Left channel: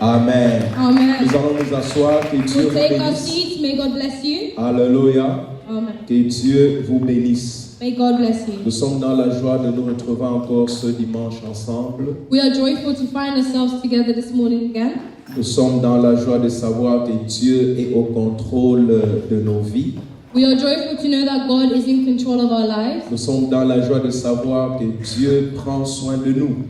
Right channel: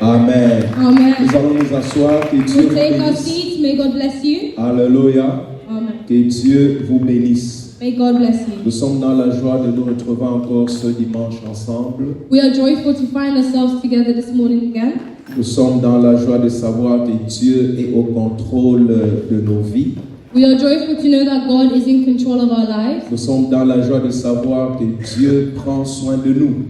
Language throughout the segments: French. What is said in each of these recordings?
Amen. Amen. Nous allons nous asseoir. Que Dieu We'll vous take our bénisse. seats. May God bless you. Alléluia. Amen. Que Dieu vous bénisse. May God bless you. Nous sommes dans la joie de nous retrouver encore ce dimanche ensemble. We are joyful to find ourselves together this morning again. Nous sommes dans la joie de savoir que Dieu est au contrôle de nos vies. We are joyful to know that God is in control of our lives. Nous sommes dans la joie de savoir que Dieu prend soin de nous.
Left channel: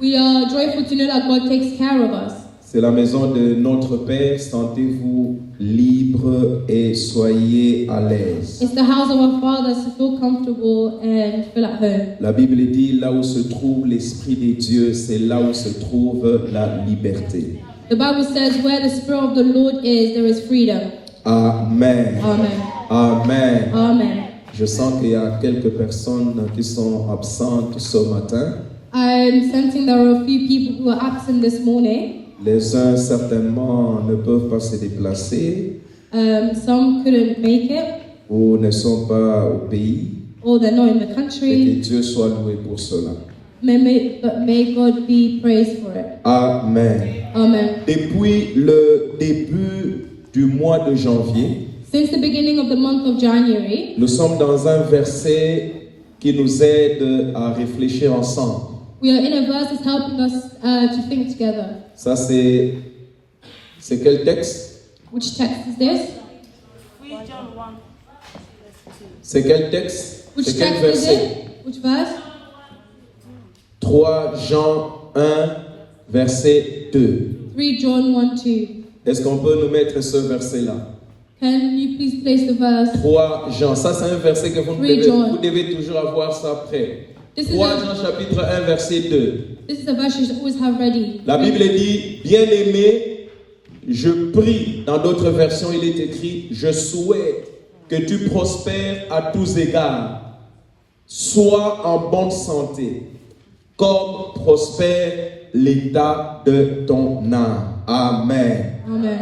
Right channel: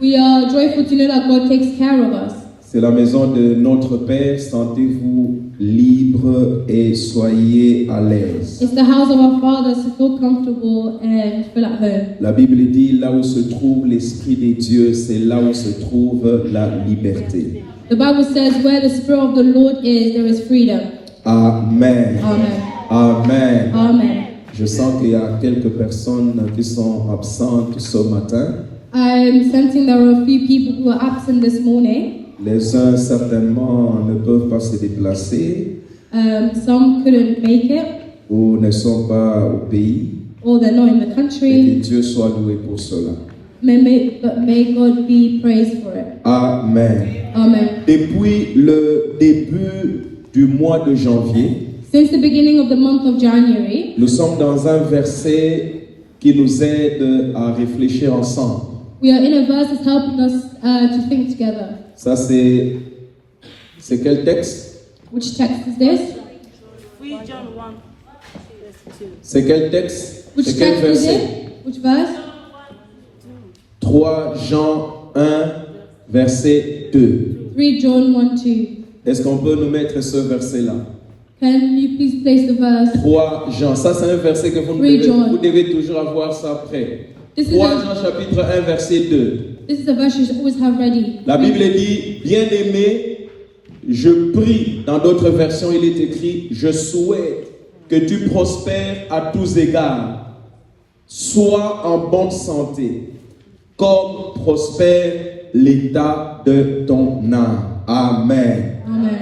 We are joyful to know that God takes care of us. C'est la maison de notre Père. Sentez-vous libre et soyez à l'aise. It's the house of our Father, so feel comfortable and feel at home. La Bible dit, là où se trouve l'Esprit de Dieu, c'est là où se trouve la liberté. The Bible says, where the Spirit of the Lord is, there is freedom. Amen. Amen. Amen. Amen. Je sens qu'il y a quelques personnes qui sont absentes ce matin. I'm sensing there are a few people who are absent this morning. Les uns certainement ne peuvent pas se déplacer Some couldn't make it, ou ne sont pas au pays. or they're not in the Et country. que Dieu soit loué pour cela. But may God be praised for it. Amen. Amen. Depuis le début du mois de janvier, Since the beginning of the month of January, nous sommes dans un verset qui nous aide à réfléchir ensemble. we are in a verse that's helping us to think together. Ça, c'est quel texte? Which text is this? 3 John 1, verse 2. C'est quel texte? Which C'est quel text is verset? it? Which verse? 3 Jean 1, verset 2. 3 John 1 2. Est-ce qu'on peut nous mettre ce verset-là? Can you please place the verse? 3 Jean, ça c'est un verset que vous 3 devez, John. vous devez toujours avoir ça prêt. This is 3 a- Jean chapitre 1, verset 2. This is a verse you should always have ready. La Bible dit, bien-aimé, je prie, dans d'autres versions il est écrit, je souhaite que tu prospères à tous égards, sois en bonne santé, comme prospère l'état de ton âme. Amen. Amen.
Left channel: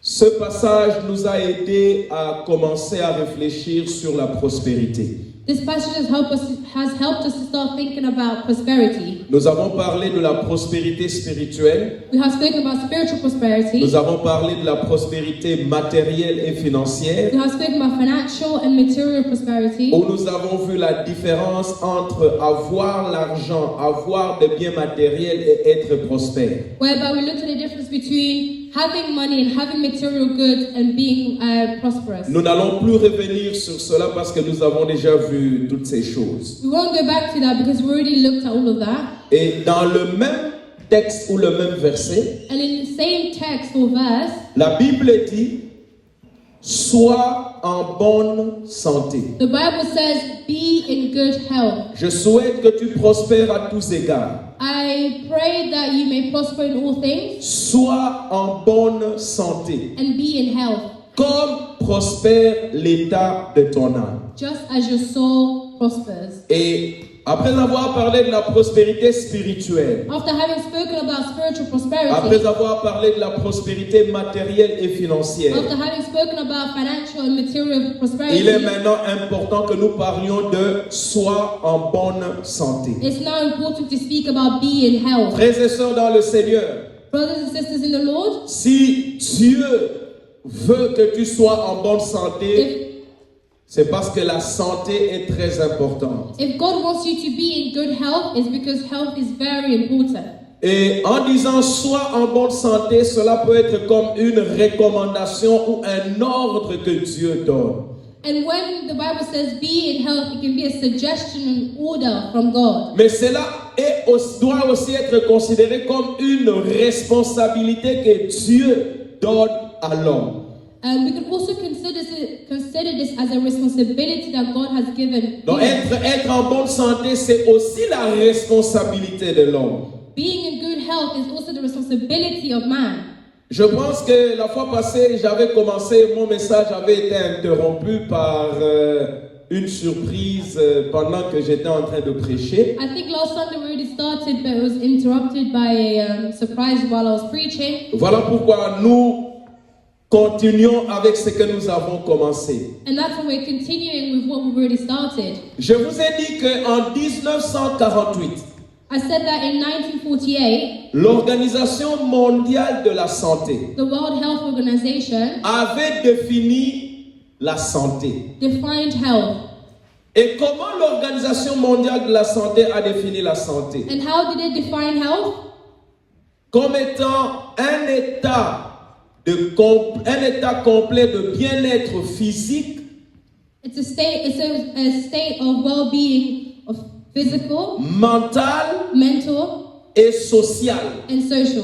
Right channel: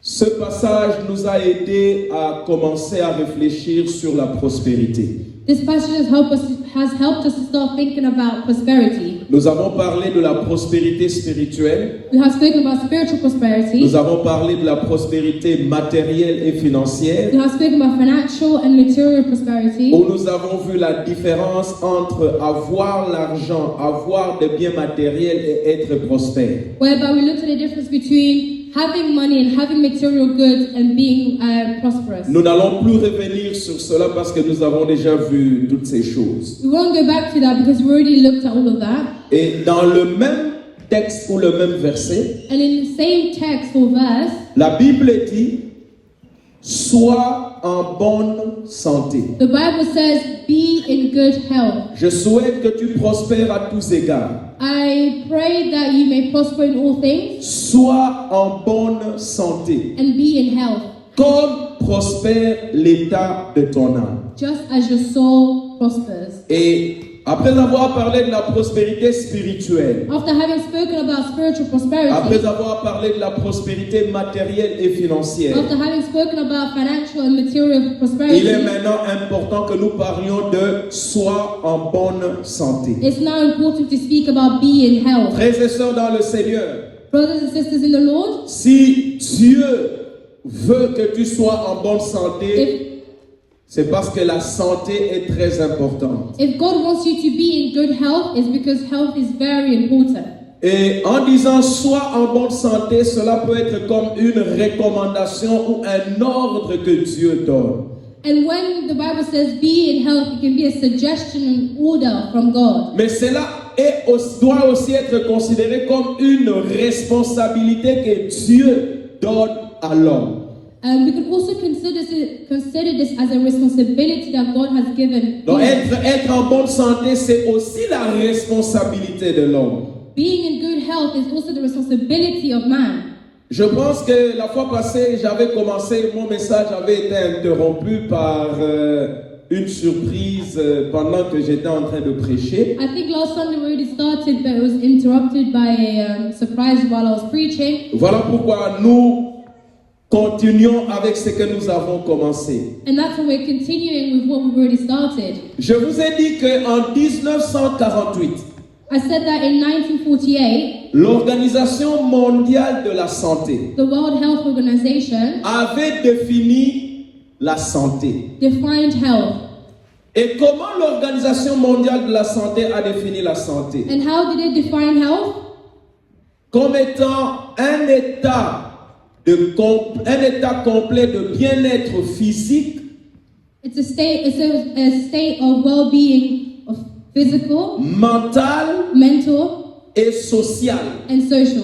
Ce passage nous a aidé à commencer à réfléchir sur la prospérité. This passage has helped us to start thinking about prosperity. Nous avons parlé de la prospérité spirituelle, We have spoken about spiritual prosperity. nous avons parlé de la prospérité matérielle et financière, We have spoken about financial and material prosperity. où nous avons vu la différence entre avoir l'argent, avoir des biens matériels et être prospère. Whereby we looked at the difference between having money and having material goods and being prosperous. Nous n'allons plus revenir sur cela parce que nous avons déjà vu toutes ces choses. We won't go back to that because we already looked at all of that. Et dans le même texte ou le même verset, And in the same text or verse, la Bible dit « Sois en bonne santé ». the Bible says, be in good health. Je souhaite que tu prospères à tous égards. I pray that you may prosper in all things Sois en bonne santé, and be in health, comme prospère l'état de ton âme. just as your soul prospers. Et après avoir parlé de la prospérité spirituelle, After having spoken about spiritual après prosperity, avoir parlé de la prospérité matérielle et financière, after having spoken about financial and material il est prosperity, maintenant important que nous parlions de sois en bonne santé. it's now important to speak about be in health. Frères et sœurs dans le Seigneur, Brothers and sisters in the Lord, si Dieu veut que tu sois en bonne santé, if c'est parce que la santé est très importante. God wants you to be in good health, it's because health is very important. Et en disant sois en bonne santé, cela peut être comme une recommandation ou un ordre que Dieu donne. And when the Bible says be in health, it can be a suggestion and order from God. Mais cela doit aussi être considéré comme une responsabilité que Dieu donne à l'homme. And we can also consider this as a responsibility that God has given. Donc être en bonne santé, c'est aussi la responsabilité de l'homme. Being in good health is also the responsibility of man. Je pense que la fois passée, j'avais commencé, mon message avait été interrompu par une surprise pendant que j'étais en train de prêcher. I think last Sunday we already started, but it was interrupted by a surprise while I was preaching. Voilà pourquoi nous continuons avec ce que nous avons commencé. And that's why we're continuing with what we've already started. Je vous ai dit qu'en 1948, I said that in 1948, l'Organisation mondiale de la santé the World Health Organization avait défini la santé. defined health. Et comment l'Organisation mondiale de la santé a défini la santé? And how did it define health? Comme étant un état complet de bien-être physique, It's a state of well-being of physical, mental mental, et social, and social.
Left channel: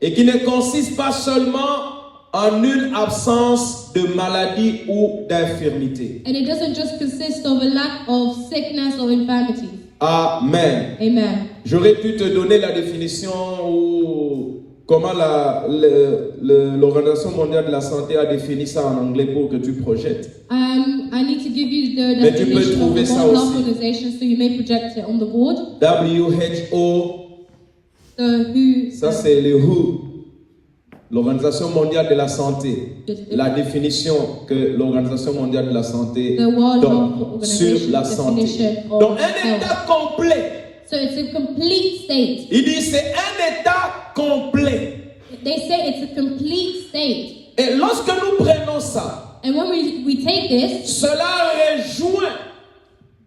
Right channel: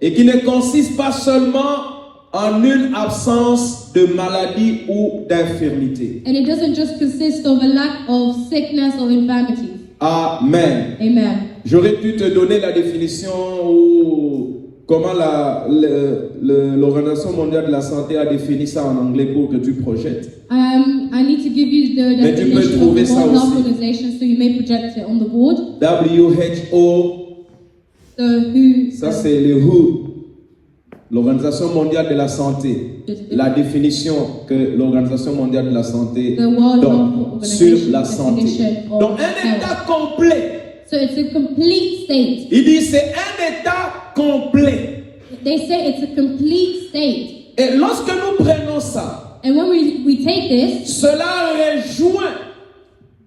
et qui ne consiste pas seulement en une absence de maladie ou d'infirmité. And it doesn't just consist of a lack of sickness or infirmity. Amen. Amen. J'aurais pu te donner la définition ou comment l'Organisation mondiale de la santé a défini ça en anglais pour que tu projettes. I need to give you the Mais tu peux definition of trouver the ça World Health aussi. Organization so you may project it on the board. WHO, So who, ça c'est le WHO, l'Organisation mondiale de la santé. La définition que l'Organisation mondiale de la santé the World donne Health sur Organization la santé. definition of Donc un état health. complet. So it's a complete state. Il dit c'est un état complet. They say it's a complete state. Et lorsque nous prenons ça, And when we take this, cela rejoint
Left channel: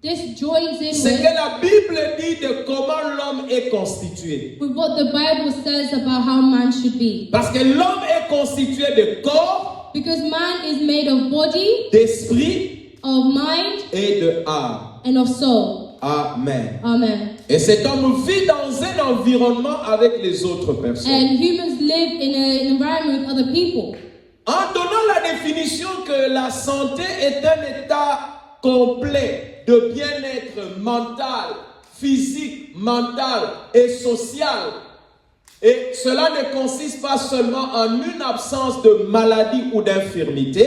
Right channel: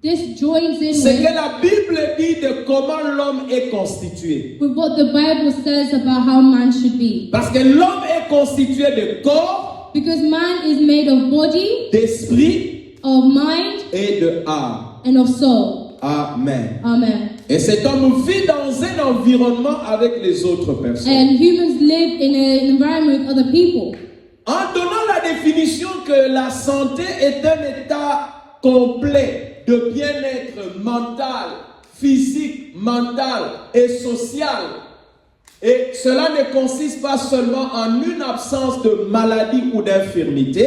this joins in ce que with la Bible dit de comment l'homme est constitué. what the Bible says about how man should be. Parce que l'homme est constitué de corps, Because man is made of body, d'esprit of mind, et de âme. and of soul. Amen. Amen. Et cet homme vit dans un environnement avec les autres personnes. And humans live in an environment with other people. En donnant la définition que la santé est un état complet de bien-être mental, physique, mental et social. Et cela ne consiste pas seulement en une absence de maladie ou d'infirmité,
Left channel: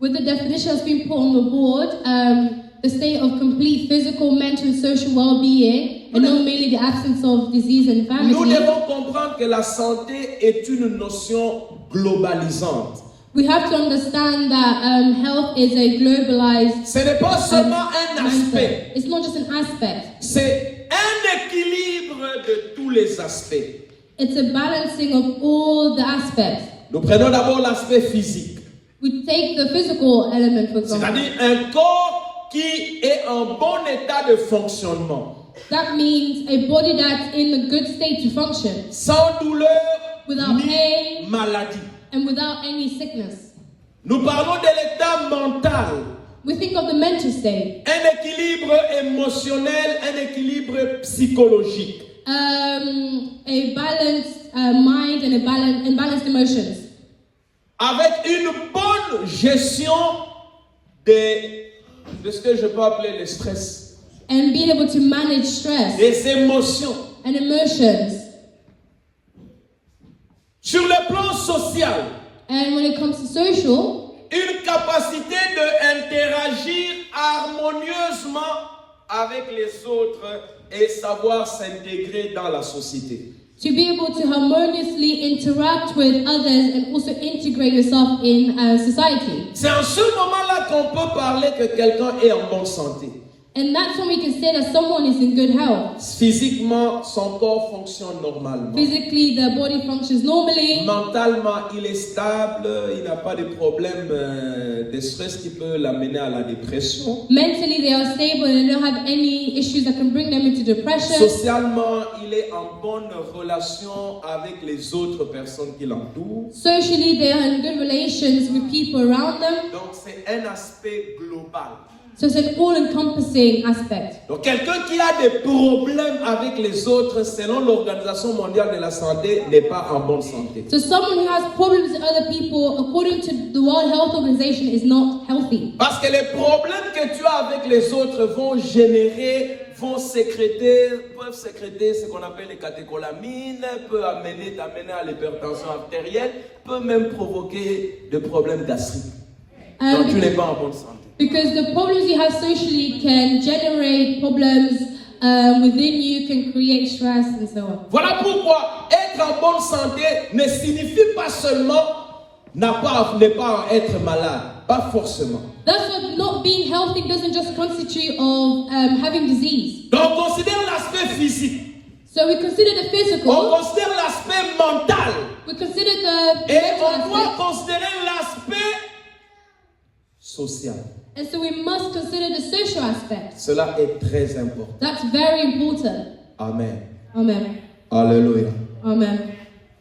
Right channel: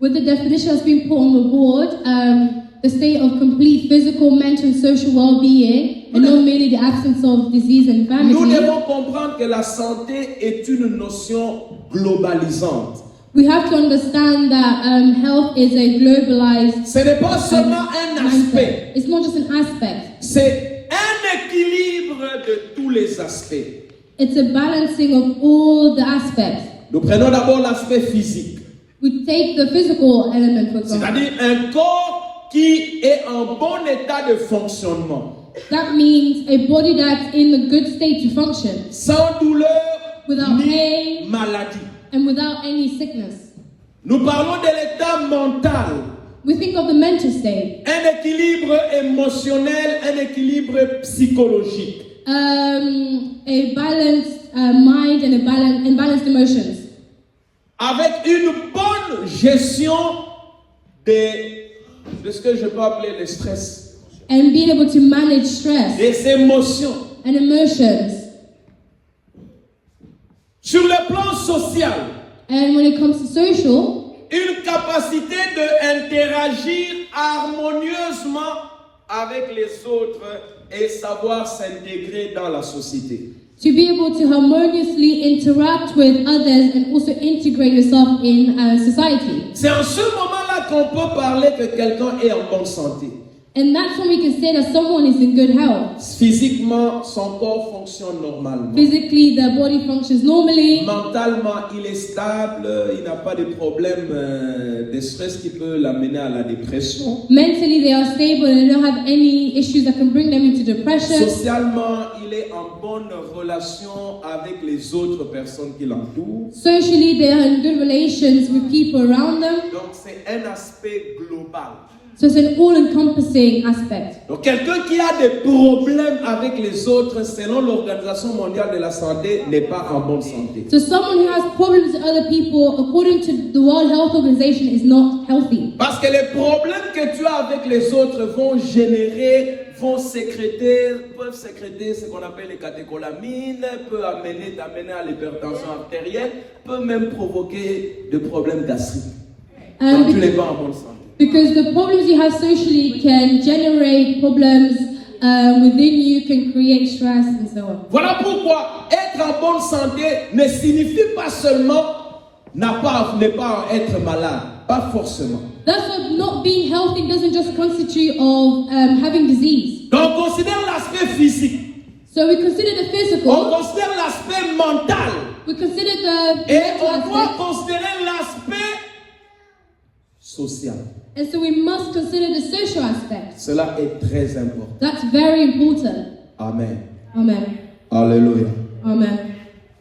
With the definitions being put on the board, the state of complete physical, mental, and social well-being, and not merely the absence of disease and nous infirmity. devons comprendre que la santé est une notion globalisante. We have to understand that health is a globalized Ce n'est pas seulement un aspect, mindset. It's not just an aspect. c'est un équilibre de tous les aspects. It's a balancing of all the aspects. Nous prenons d'abord l'aspect physique, We take the physical element, for example. c'est-à-dire un corps qui est en bon état de fonctionnement, That means a body that's in a good state to function, sans douleur without ni pain maladie. and without any sickness. Nous parlons de l'état mental, We think of the mental state. un équilibre émotionnel, un équilibre psychologique. A balanced mind and balanced emotions, Avec une bonne gestion de ce que je peux appeler le stress, and being able to manage stress des émotions. and emotions. Sur le plan social, And when it comes to social, une capacité d'interagir harmonieusement avec les autres et savoir s'intégrer dans la société. to be able to harmoniously interact with others and also integrate yourself in society. C'est en ce moment-là qu'on peut parler que quelqu'un est en bonne santé. And that's when we can say that someone is in good health. Physiquement, son corps fonctionne normalement. Physically, their body functions normally. Mentalement, il est stable, il n'a pas de problème de stress qui peut l'amener à la dépression. Mentally, they are stable and they don't have any issues that can bring them into depression. Socialement, il est en bonne relation avec les autres personnes qui l'entourent. Socially, they are in good relations with people around them. Donc, c'est un aspect global. So it's an all-encompassing aspect. Donc, quelqu'un qui a des problèmes avec les autres, selon l'Organisation mondiale de la santé, n'est pas en bonne santé. So someone who has problems with other people, according to the World Health Organization, is not healthy. Parce que les problèmes que tu as avec les autres peuvent sécréter ce qu'on appelle les catécholamines, peut t'amener à l'hypertension artérielle, peut même provoquer des problèmes d'acide. Donc, tu n'es pas en bonne santé. Because the problems you have socially can generate problems within you, can create stress and so on. Voilà pourquoi être en bonne santé ne signifie pas seulement ne pas être malade, pas forcément. That's why not being healthy doesn't just constitute of having disease. Donc on considère l'aspect physique. So we consider the On physical, considère l'aspect mental. we consider the Et mental on doit aspect, considérer l'aspect social. and so we must consider the social aspect. Cela est très important. That's very important. Amen. Amen. Alléluia. Amen.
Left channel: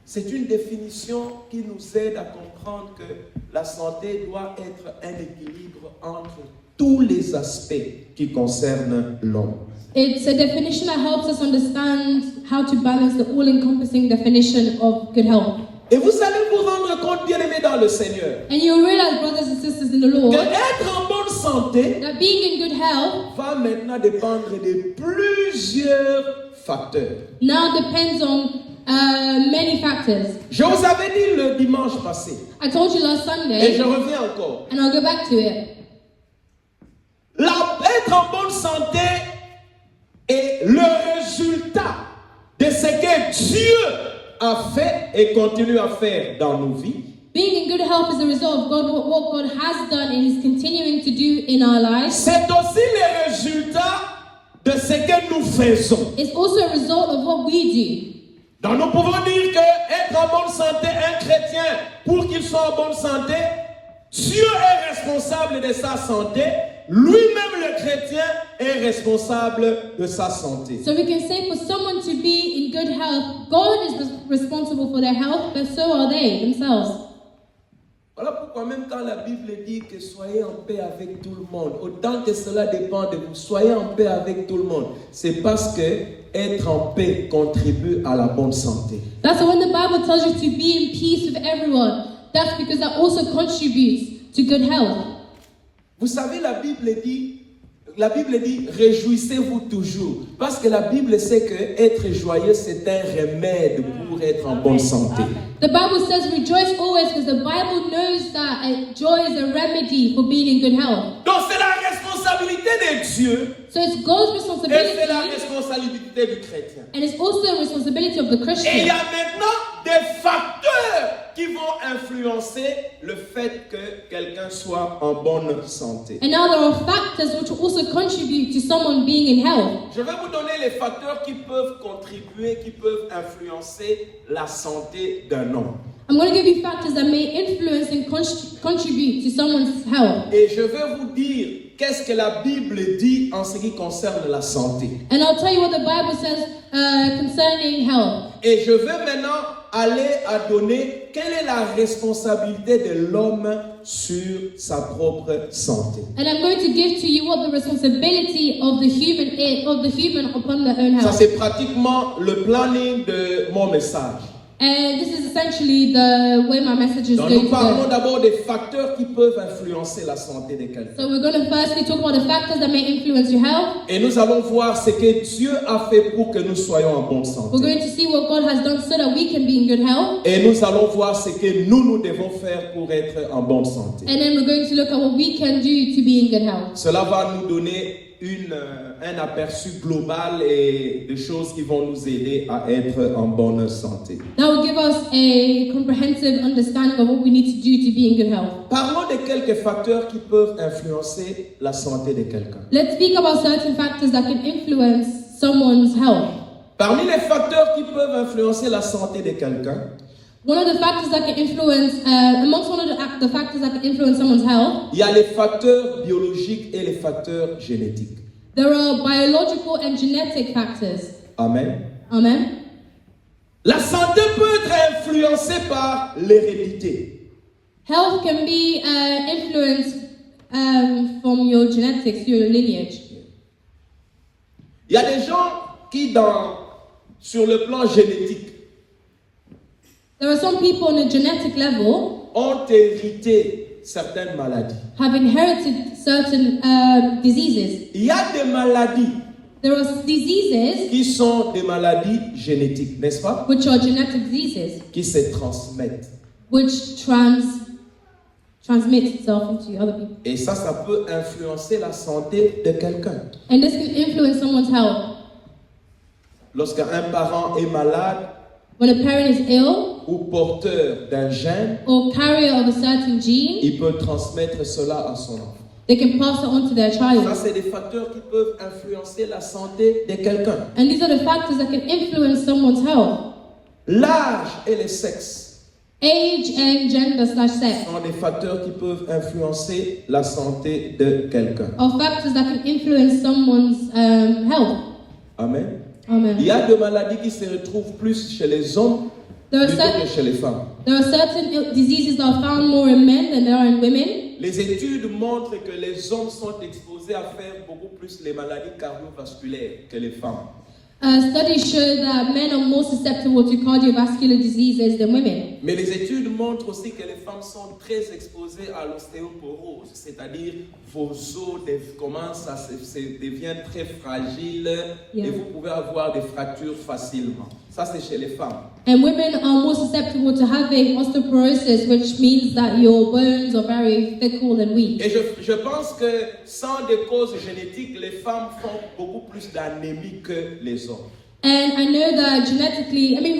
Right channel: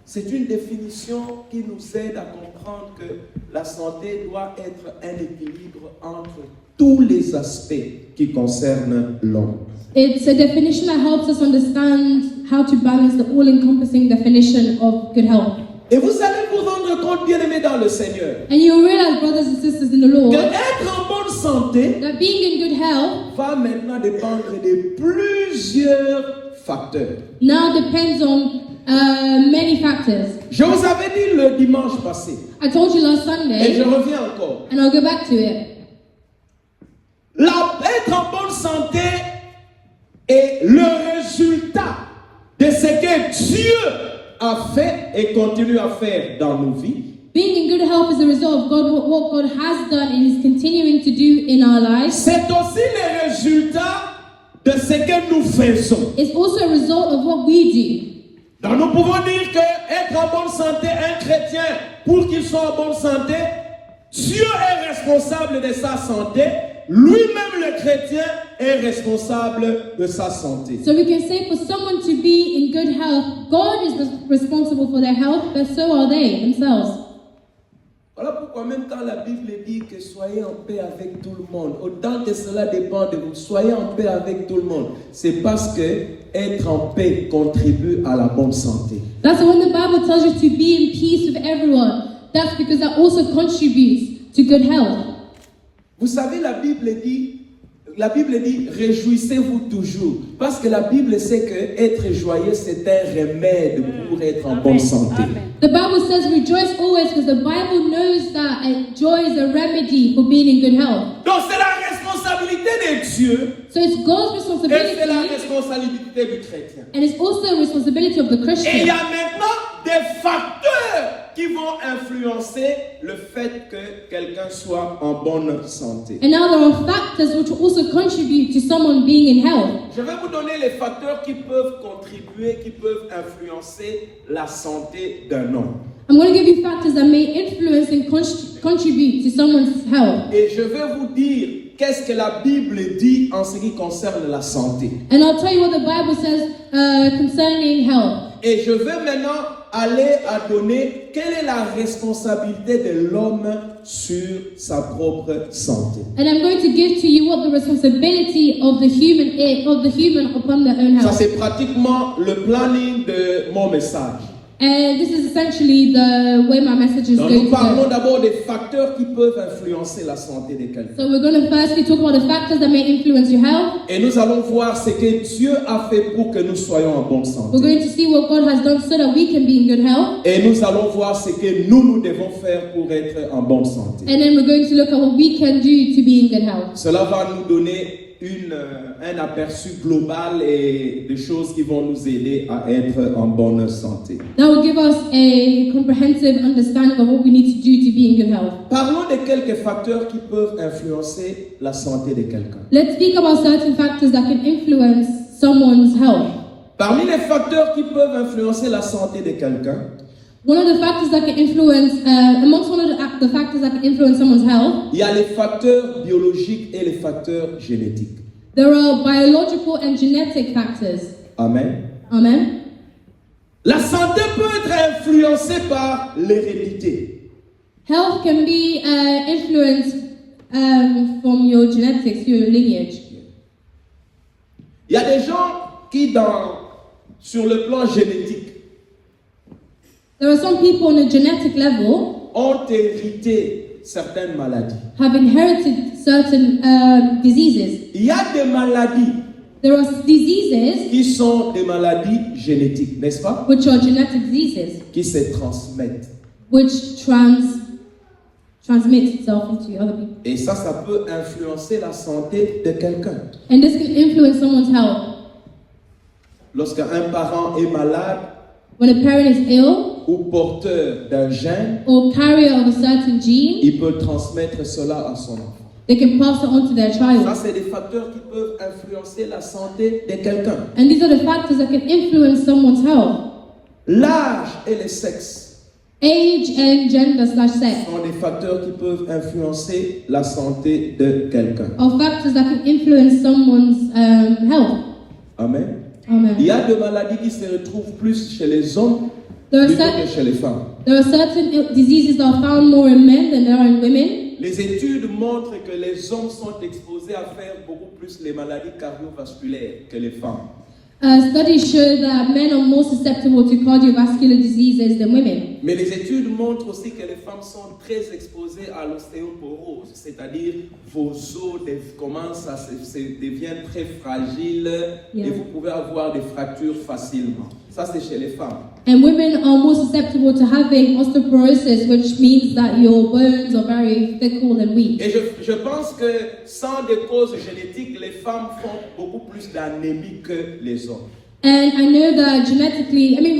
C'est une définition qui nous aide à comprendre que la santé doit être un équilibre entre tous les aspects qui concernent l'homme. It's a definition that helps us understand how to balance the all-encompassing definition of good health. Et vous allez vous rendre compte, bien-aimés dans le Seigneur, And you realize, brothers and sisters in the Lord, qu'être en bonne santé that being in good health va maintenant dépendre de plusieurs facteurs. now depends on many factors. Je vous avais dit le dimanche passé, I told you last et je Sunday, reviens encore. and I'll go back to it. Être en bonne santé est le résultat de ce que Dieu a fait et continue à faire dans nos vies. Being in good health is a result of what God has done and is continuing to do in our lives. C'est aussi le résultat de ce que nous faisons. It's also a result of what we do. Donc nous pouvons dire que être en bonne santé, un chrétien, pour qu'il soit en bonne santé, Dieu est responsable de sa santé. Lui-même, le chrétien, est responsable de sa santé. So we can say for someone to be in good health, God is responsible for their health, but so are they themselves. Voilà pourquoi même quand la Bible dit que soyez en paix avec tout le monde, autant que cela dépend de vous, soyez en paix avec tout le monde, c'est parce que être en paix contribue à la bonne santé. That's when the Bible tells you to be in peace with everyone. That's because that also contributes to good health. Vous savez, la Bible dit, réjouissez-vous toujours. Parce que la Bible sait que être joyeux, c'est un remède pour être en bonne santé. The Bible says rejoice always because the Bible knows that joy is a remedy for being in good health. Donc c'est la responsabilité de Dieu So it's God's et c'est la responsibility responsabilité du chrétien. and it's also a responsibility of the Et il Christian. y a maintenant des facteurs qui vont influencer le fait que quelqu'un soit en bonne santé. And now there are factors which will also contribute to someone being in health. Je vais vous donner les facteurs qui peuvent contribuer, qui peuvent influencer la santé d'un homme. I'm going to give you factors that may influence and contribute to someone's health. Et je vais vous dire qu'est-ce que la Bible dit en ce qui concerne la santé. And I'll tell you what the Bible says concerning health. Et je vais maintenant aller à donner quelle est la responsabilité de l'homme sur sa propre santé. And I'm going to give to you what the responsibility of the human upon their own Ça health. c'est pratiquement le planning de mon message. And this is essentially the way my message is Donc going nous to parlons go. d'abord des facteurs qui peuvent influencer la santé de quelqu'un. So we're going to firstly talk about the factors that may influence your health. Et nous allons voir ce que Dieu a fait pour que nous soyons en bonne We're santé. going to see what God has done so that we can be in good health. Et nous allons voir ce que nous devons faire pour être en bonne santé. And then we're going to look at what we can do to be in good health. Cela va nous donner un aperçu global et des choses qui vont nous aider à être en bonne santé. That will give us a comprehensive understanding of what we need to do to be in good health. Parlons de quelques facteurs qui peuvent influencer la santé de quelqu'un. Let's speak about certain factors that can influence someone's health. Parmi les facteurs qui peuvent influencer la santé de quelqu'un, One of the factors that can influence, amongst one of the factors that can influence someone's health, il y a les facteurs biologiques et les facteurs génétiques. there are biological and genetic factors. Amen. Amen. La santé peut être influencée par l'hérédité. Health can be influenced from your genetics, your lineage. Il y a des gens qui, sur le plan génétique, There are some people on a genetic level ont hérité certaines maladies. have inherited certain diseases. Il y a des maladies There are diseases qui sont des maladies génétiques, n'est-ce pas? which are genetic diseases, Qui se transmettent. which transmit itself into other people. Et ça peut influencer la santé de quelqu'un. And this can influence someone's health. Lorsqu'un parent est malade When a parent is ill ou porteur d'un gène, or carrier of a certain gene, il peut transmettre cela à son enfant. they can pass it on to their Ça, child. c'est des facteurs qui peuvent influencer la santé de quelqu'un. And these are the factors that can influence someone's health. L'âge et le sexe Age and gender/sex sont des facteurs qui peuvent influencer la santé de quelqu'un. are factors that can influence someone's health. Amen. Amen. Il y a des maladies qui se retrouvent plus chez les hommes There are, plutôt certain, que chez les femmes. there are certain diseases that are found more in men than there are in women. Les études montrent que les hommes sont exposés à faire beaucoup plus les maladies cardiovasculaires que les femmes. Studies show that men are more susceptible to cardiovascular diseases than women. Mais les études montrent aussi que les femmes sont très exposées à l'ostéoporose, c'est-à-dire vos os commencent à deviennent très fragiles et vous pouvez avoir des fractures facilement. Ça, c'est chez les femmes. And women are more susceptible to having osteoporosis, which means that your bones are very fickle and weak. Et je pense que sans des causes génétiques, les femmes font beaucoup plus d'anémie que les hommes. And I know that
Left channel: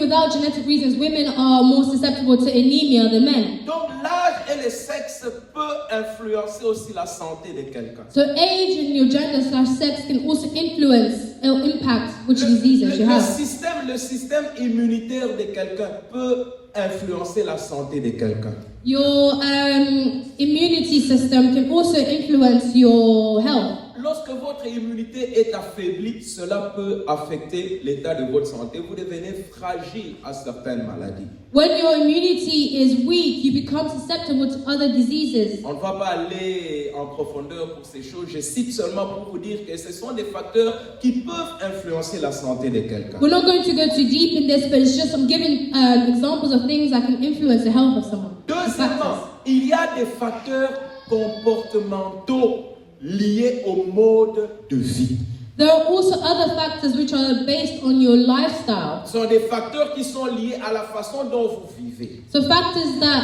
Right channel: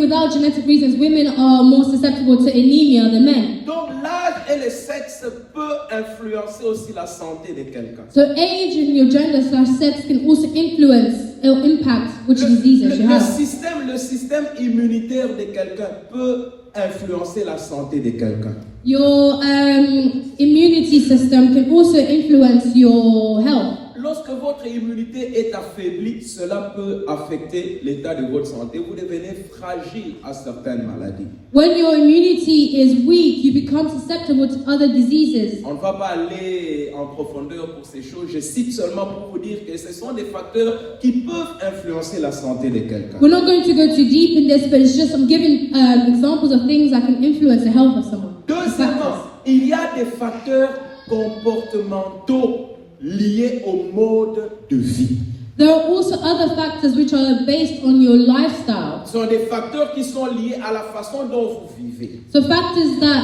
without genetic reasons, women are more susceptible to anemia than men. Donc l'âge et le sexe peuvent influencer aussi la santé de quelqu'un. So age and your gender/sex can also influence or impact which diseases you have. Le système immunitaire de quelqu'un peut influencer la santé de quelqu'un. Your immunity system can also influence your health. Lorsque votre immunité est affaiblie, cela peut affecter l'état de votre santé. Vous devenez fragile à certaines maladies. When your immunity is weak, you become susceptible to other diseases. On ne va pas aller en profondeur pour ces choses. Je cite seulement pour vous dire que ce sont des facteurs qui peuvent influencer la santé de quelqu'un. We're not going to go too deep in this, but it's just I'm giving examples of things that can influence the health of someone. Deuxièmement, il y a des facteurs comportementaux liés au mode de vie. There are also other factors which are based on your lifestyle. Ce sont des facteurs qui sont liés à la façon dont vous vivez, So factors that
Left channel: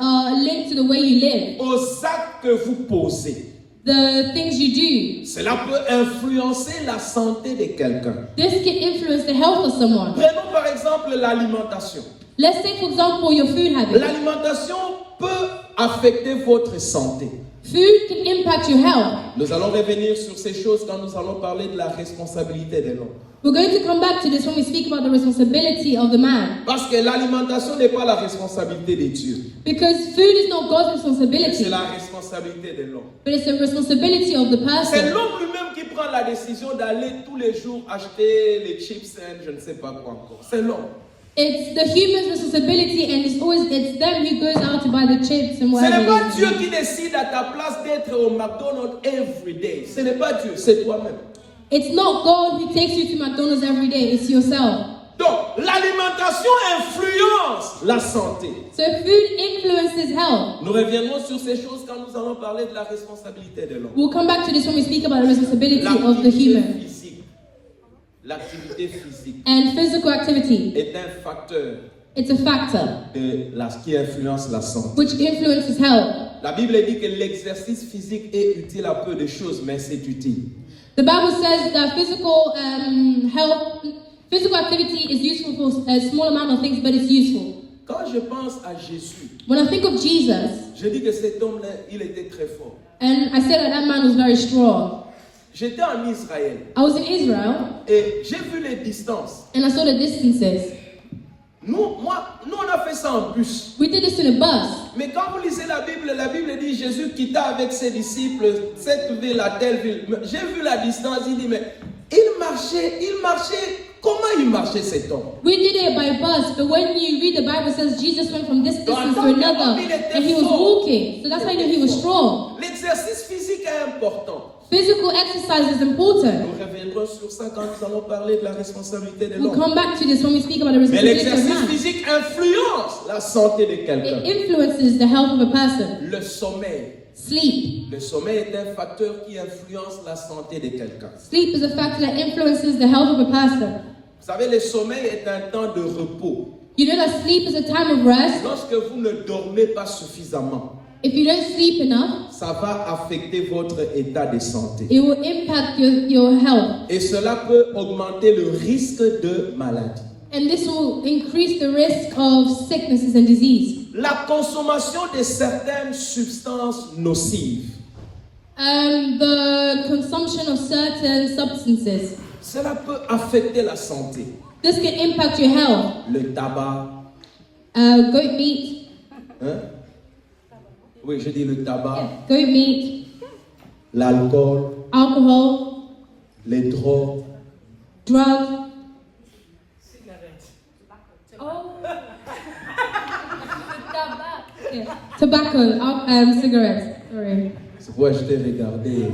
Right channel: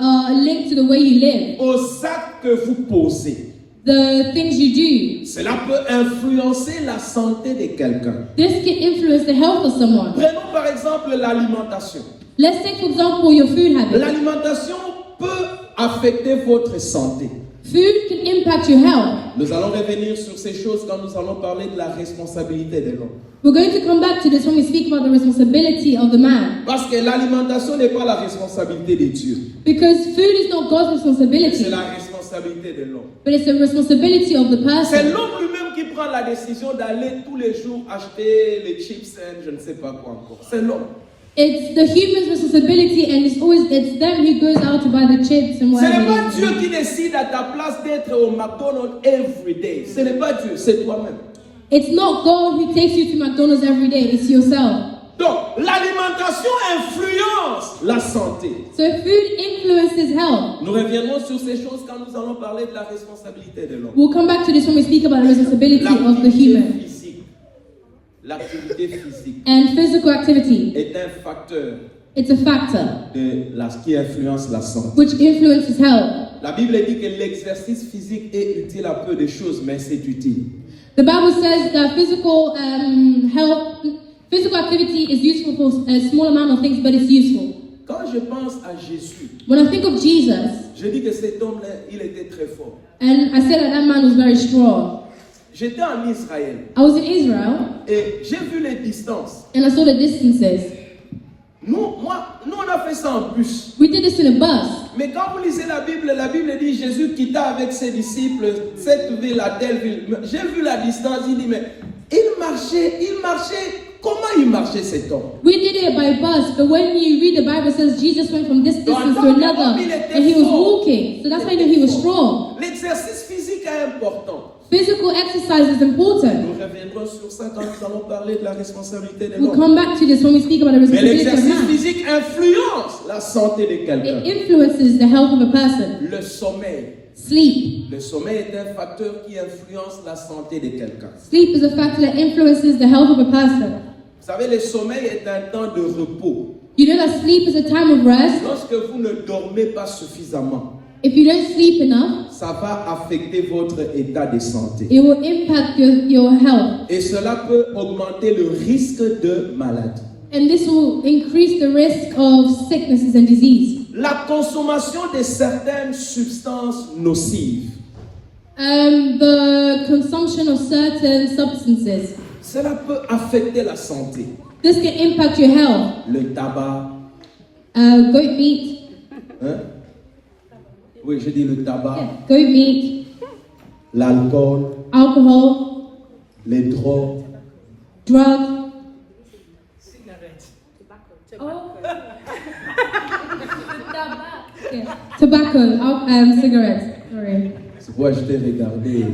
are linked to the way you live, aux actes que vous posez. the things you do. Cela peut influencer la santé de quelqu'un. This can influence the health of someone. Prenons par exemple l'alimentation. Let's take for example your food habits. L'alimentation peut affecter votre santé. Food can impact your health. Nous allons revenir sur ces choses quand nous allons parler de la responsabilité de l'homme. We're going to come back to this when we speak about the responsibility of the man. Parce que l'alimentation n'est pas la responsabilité de Dieu. Because food is not God's responsibility, C'est la responsabilité de l'homme. but it's the responsibility of the C'est person. l'homme lui-même qui prend la décision d'aller tous les jours acheter les chips et je ne sais pas quoi encore. C'est l'homme. It's the human's responsibility, and it's them who goes out to buy the chips and Ce n'est whatever. pas it is. Dieu qui décide à ta place d'être au McDonald's every day. Ce n'est pas Dieu, c'est toi-même. It's not God who takes you to McDonald's every day, it's yourself. Donc, l'alimentation influence la santé. So food influences health. Nous reviendrons sur ces choses quand nous allons parler de la responsabilité de l'homme. We'll come back to this when we speak about the responsibility of the L'activité human. physique. L'activité physique And physical activity, est un facteur it's a factor qui influence la santé. which influences health. La Bible dit que l'exercice physique est utile à peu de choses, mais c'est utile. The Bible says that physical activity is useful for a small amount of things, but it's useful. Quand je pense à Jésus, When I think of Jesus, je dis que cet homme-là, il était très fort. and I said that man was very strong. J'étais en Israël I was in Israel, et j'ai vu les distances. and I saw the distances. Nous, on a fait ça en bus. We did this in a bus. Mais quand vous lisez la Bible dit Jésus quitta avec ses disciples cette ville à telle ville. J'ai vu la distance, il dit, mais il marchait. Comment il marchait cet homme? We did it by bus, but when you read the Bible, it says Jesus went from this distance to another, and he was walking. So that's why you know he was strong. L'exercice physique est important. Physical exercise is important. Nous reviendrons sur ça quand nous allons parler de la responsabilité de We'll l'homme. come back to this when we speak about the Mais responsibility of l'exercice man. physique influence la santé de quelqu'un. It influences the health of a person. Le sommeil. Sleep. Le sommeil est un facteur qui influence la santé de quelqu'un. Sleep is a factor that influences the health of a person. Vous savez, le sommeil est un temps de repos. You know that sleep is a time of rest. Lorsque vous ne dormez pas suffisamment, If you don't sleep enough, ça va affecter votre état de santé. it will impact your health. Et cela peut augmenter le risque de maladie. And this will increase the risk of sicknesses and disease. La consommation de certaines substances nocives The consumption of certain substances. Cela peut affecter la santé. This can impact your health. Le tabac, Goat meat. hein? Oui, je dis le tabac, Goat meat. l'alcool, Alcohol. les drogues, Drugs. Yeah. Tobacco. Cigarettes. Sorry. c'est pourquoi je t'ai regardé.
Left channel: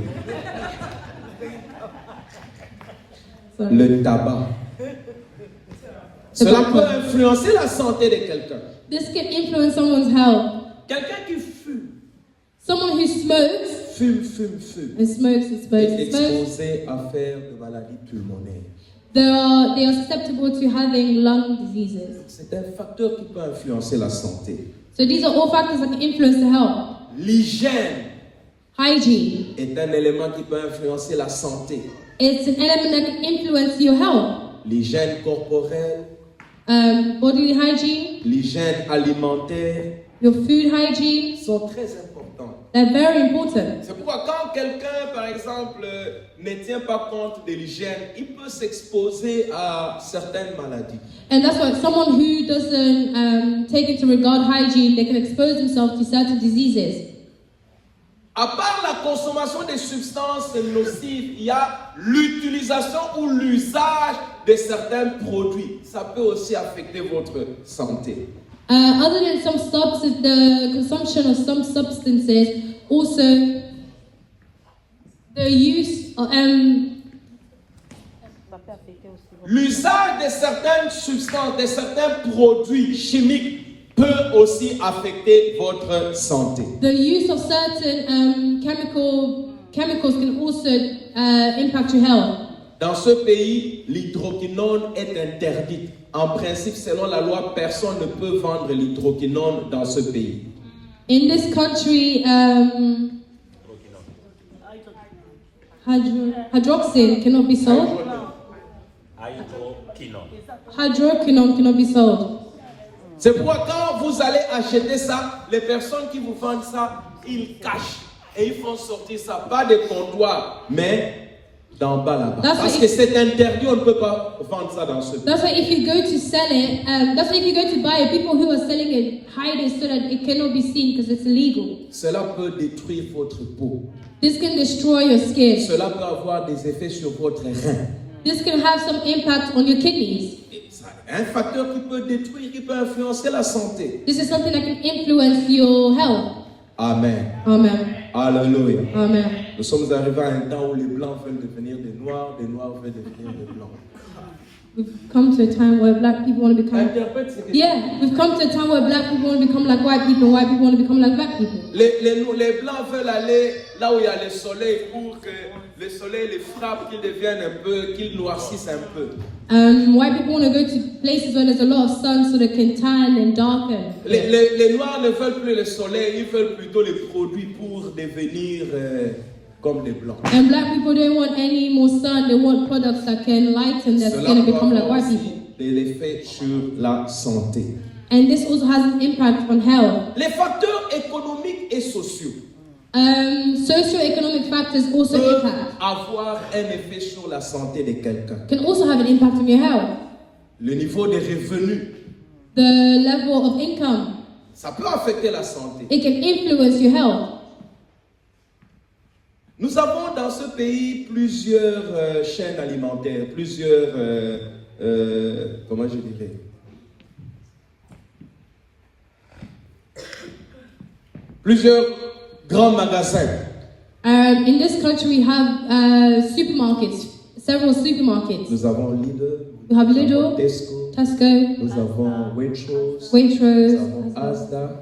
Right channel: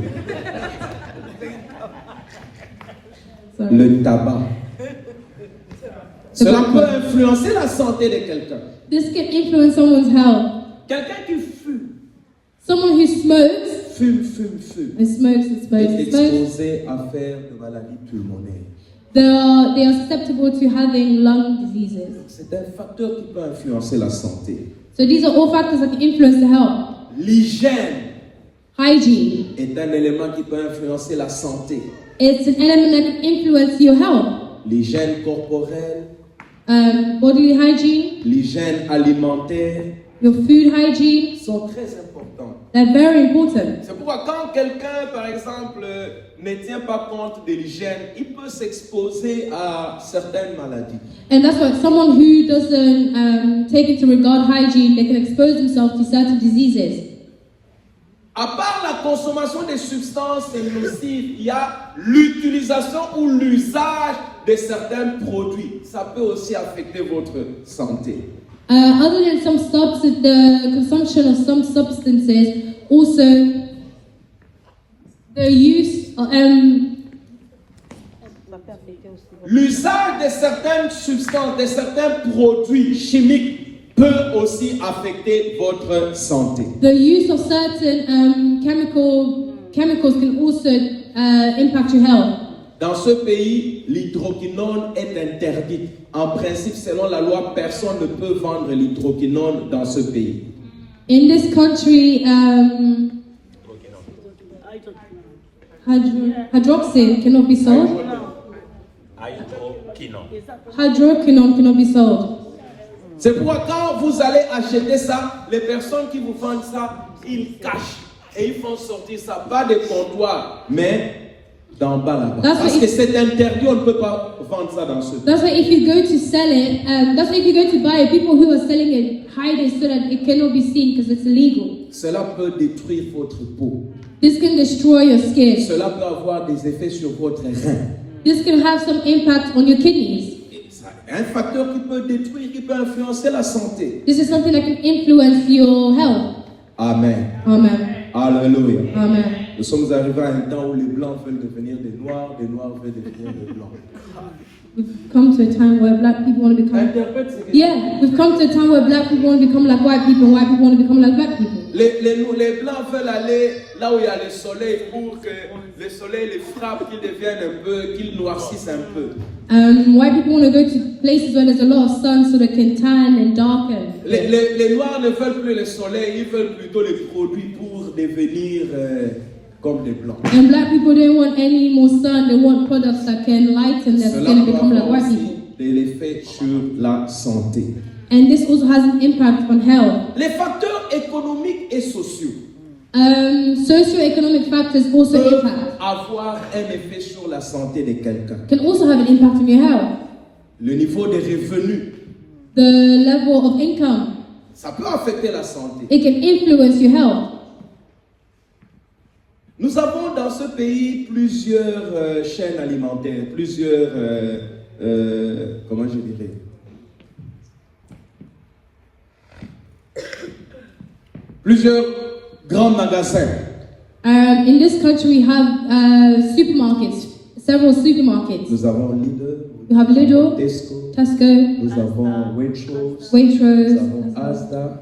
Sorry. Le tabac. Cela peut influencer la santé de quelqu'un. This can influence someone's health. Quelqu'un qui fume, Someone who smokes fume, and smokes and smokes est and smokes, exposé à faire de maladies pulmonaires. they are susceptible to having lung diseases. C'est un facteur qui peut influencer la santé. So these are all factors that can influence the health. L'hygiène Hygiene. est un élément qui peut influencer la santé. It's an element that can influence your health. L'hygiène corporelle, Bodily hygiene, l'hygiène alimentaire your food hygiene, sont très importantes. they're very important. C'est pourquoi quand quelqu'un, par exemple, ne tient pas compte de l'hygiène, il peut s'exposer à certaines maladies. And that's why someone who doesn't take into regard hygiene, they can expose themselves to certain diseases. À part la consommation des substances nocives, il y a l'utilisation ou l'usage de certains produits. Ça peut aussi affecter votre santé. Other than some substances, the consumption of some substances, also the use of, L'usage de certaines substances, de certains produits chimiques peut aussi affecter votre santé. the use of certain chemicals can also impact your health. Dans ce pays, l'hydroquinone est interdite. En principe, selon la loi, personne ne peut vendre l'hydroquinone dans ce pays. In this country, hydroxin cannot be sold. Hydroquinone cannot be sold. C'est pourquoi quand vous allez acheter ça, les personnes qui vous vendent ça, ils cachent et ils font sortir ça, pas des comptoirs, mais d'en bas là-bas. Parce que c'est interdit, on ne peut pas vendre ça dans ce pays. That's why if you go to sell it, that's why if you go to buy it, people who are selling it hide it so that it cannot be seen because it's illegal. Cela peut détruire votre peau. This can destroy your skin. Cela peut avoir des effets sur votre rein. This can have some impact on your kidneys. Un facteur qui peut détruire, qui peut influencer la santé. This is something that can influence your health. Amen. Amen. Alléluia. Amen. Nous sommes arrivés à un temps où les blancs veulent devenir des noirs veulent devenir des blancs. We've come to a time where black people want to become. Interprète ce que Yeah, we've come to a time where black people want to become like white people want to become like black people. les blancs veulent aller là où il y a le soleil pour que le soleil les frappe, qu'ils deviennent un peu, qu'ils noircissent un peu. White people want to go to places where there's a lot of sun so they can tan and darken. Les noirs ne veulent plus le soleil, ils veulent plutôt les produits pour devenir comme les blancs. And black people don't want any more sun, they want products that can lighten their Cela skin and peut become like avoir white aussi people. de l'effet sur la santé. And this also has an impact on health. Les facteurs économiques et sociaux Socio-economic factors also peuvent impact, avoir un effet sur la santé de quelqu'un. can also have an impact on your health. Le niveau des revenus, The level of income, ça peut affecter la santé. it can influence your health. Nous avons dans ce pays plusieurs chaînes alimentaires, plusieurs, comment je dirais, plusieurs grands magasins. In this country, we have supermarkets, several supermarkets. Nous avons Lidl, We have Lidl, Tesco, Tesco, nous avons Waitrose, nous Waitrose, avons Asda,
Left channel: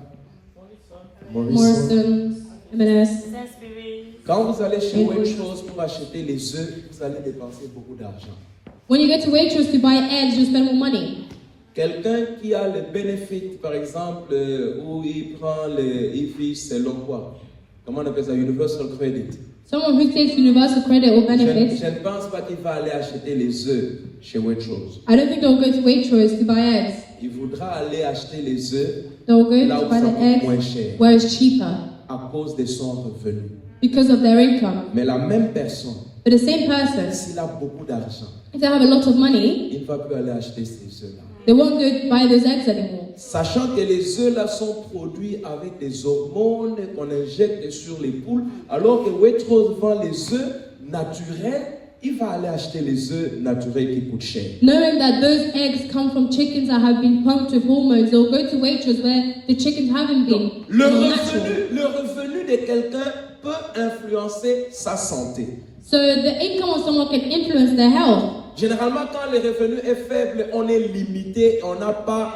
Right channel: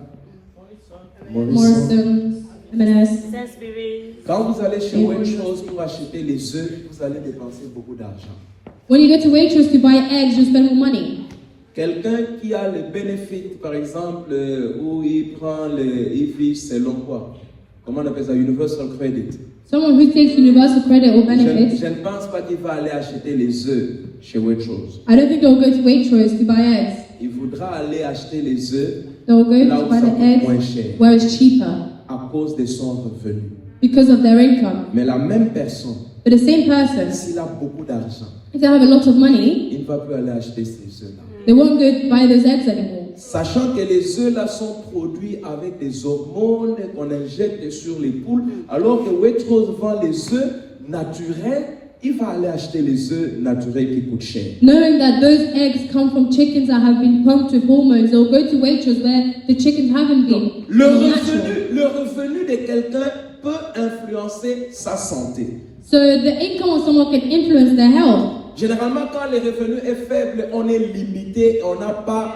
Morrison. Morrison, M&S. Sainsbury. Quand vous allez chez Waitrose pour acheter les œufs, vous allez dépenser beaucoup d'argent. When you go to Waitrose to buy eggs, you spend more money. Quelqu'un qui a le bénéfice, par exemple, où il prend il vit selon quoi? Comment on appelle ça? Universal Credit. Someone who takes universal credit or benefits, Je ne pense pas qu'il va aller acheter les œufs chez Waitrose. I don't think they'll go to Waitrose to buy eggs. Il voudra aller acheter les œufs They'll go là to où buy ça the coûte moins eggs cher where it's cheaper à cause de son revenu. because of their income. Mais la même personne, But the same person, s'il a beaucoup d'argent, if they have a lot of money, il ne va plus aller acheter ces œufs-là. they won't go buy those eggs anymore. Sachant que les œufs là sont produits avec des hormones qu'on injecte sur les poules, alors que Waitrose vend les œufs naturels, il va aller acheter les œufs naturels qui coûtent cher. Knowing that those eggs come from chickens that have been pumped with hormones, they'll go to Waitrose where the chickens haven't been. Le revenu de quelqu'un peut influencer sa santé. So the income of someone can influence their health. Généralement, quand le revenu est faible, on est limité, on n'a pas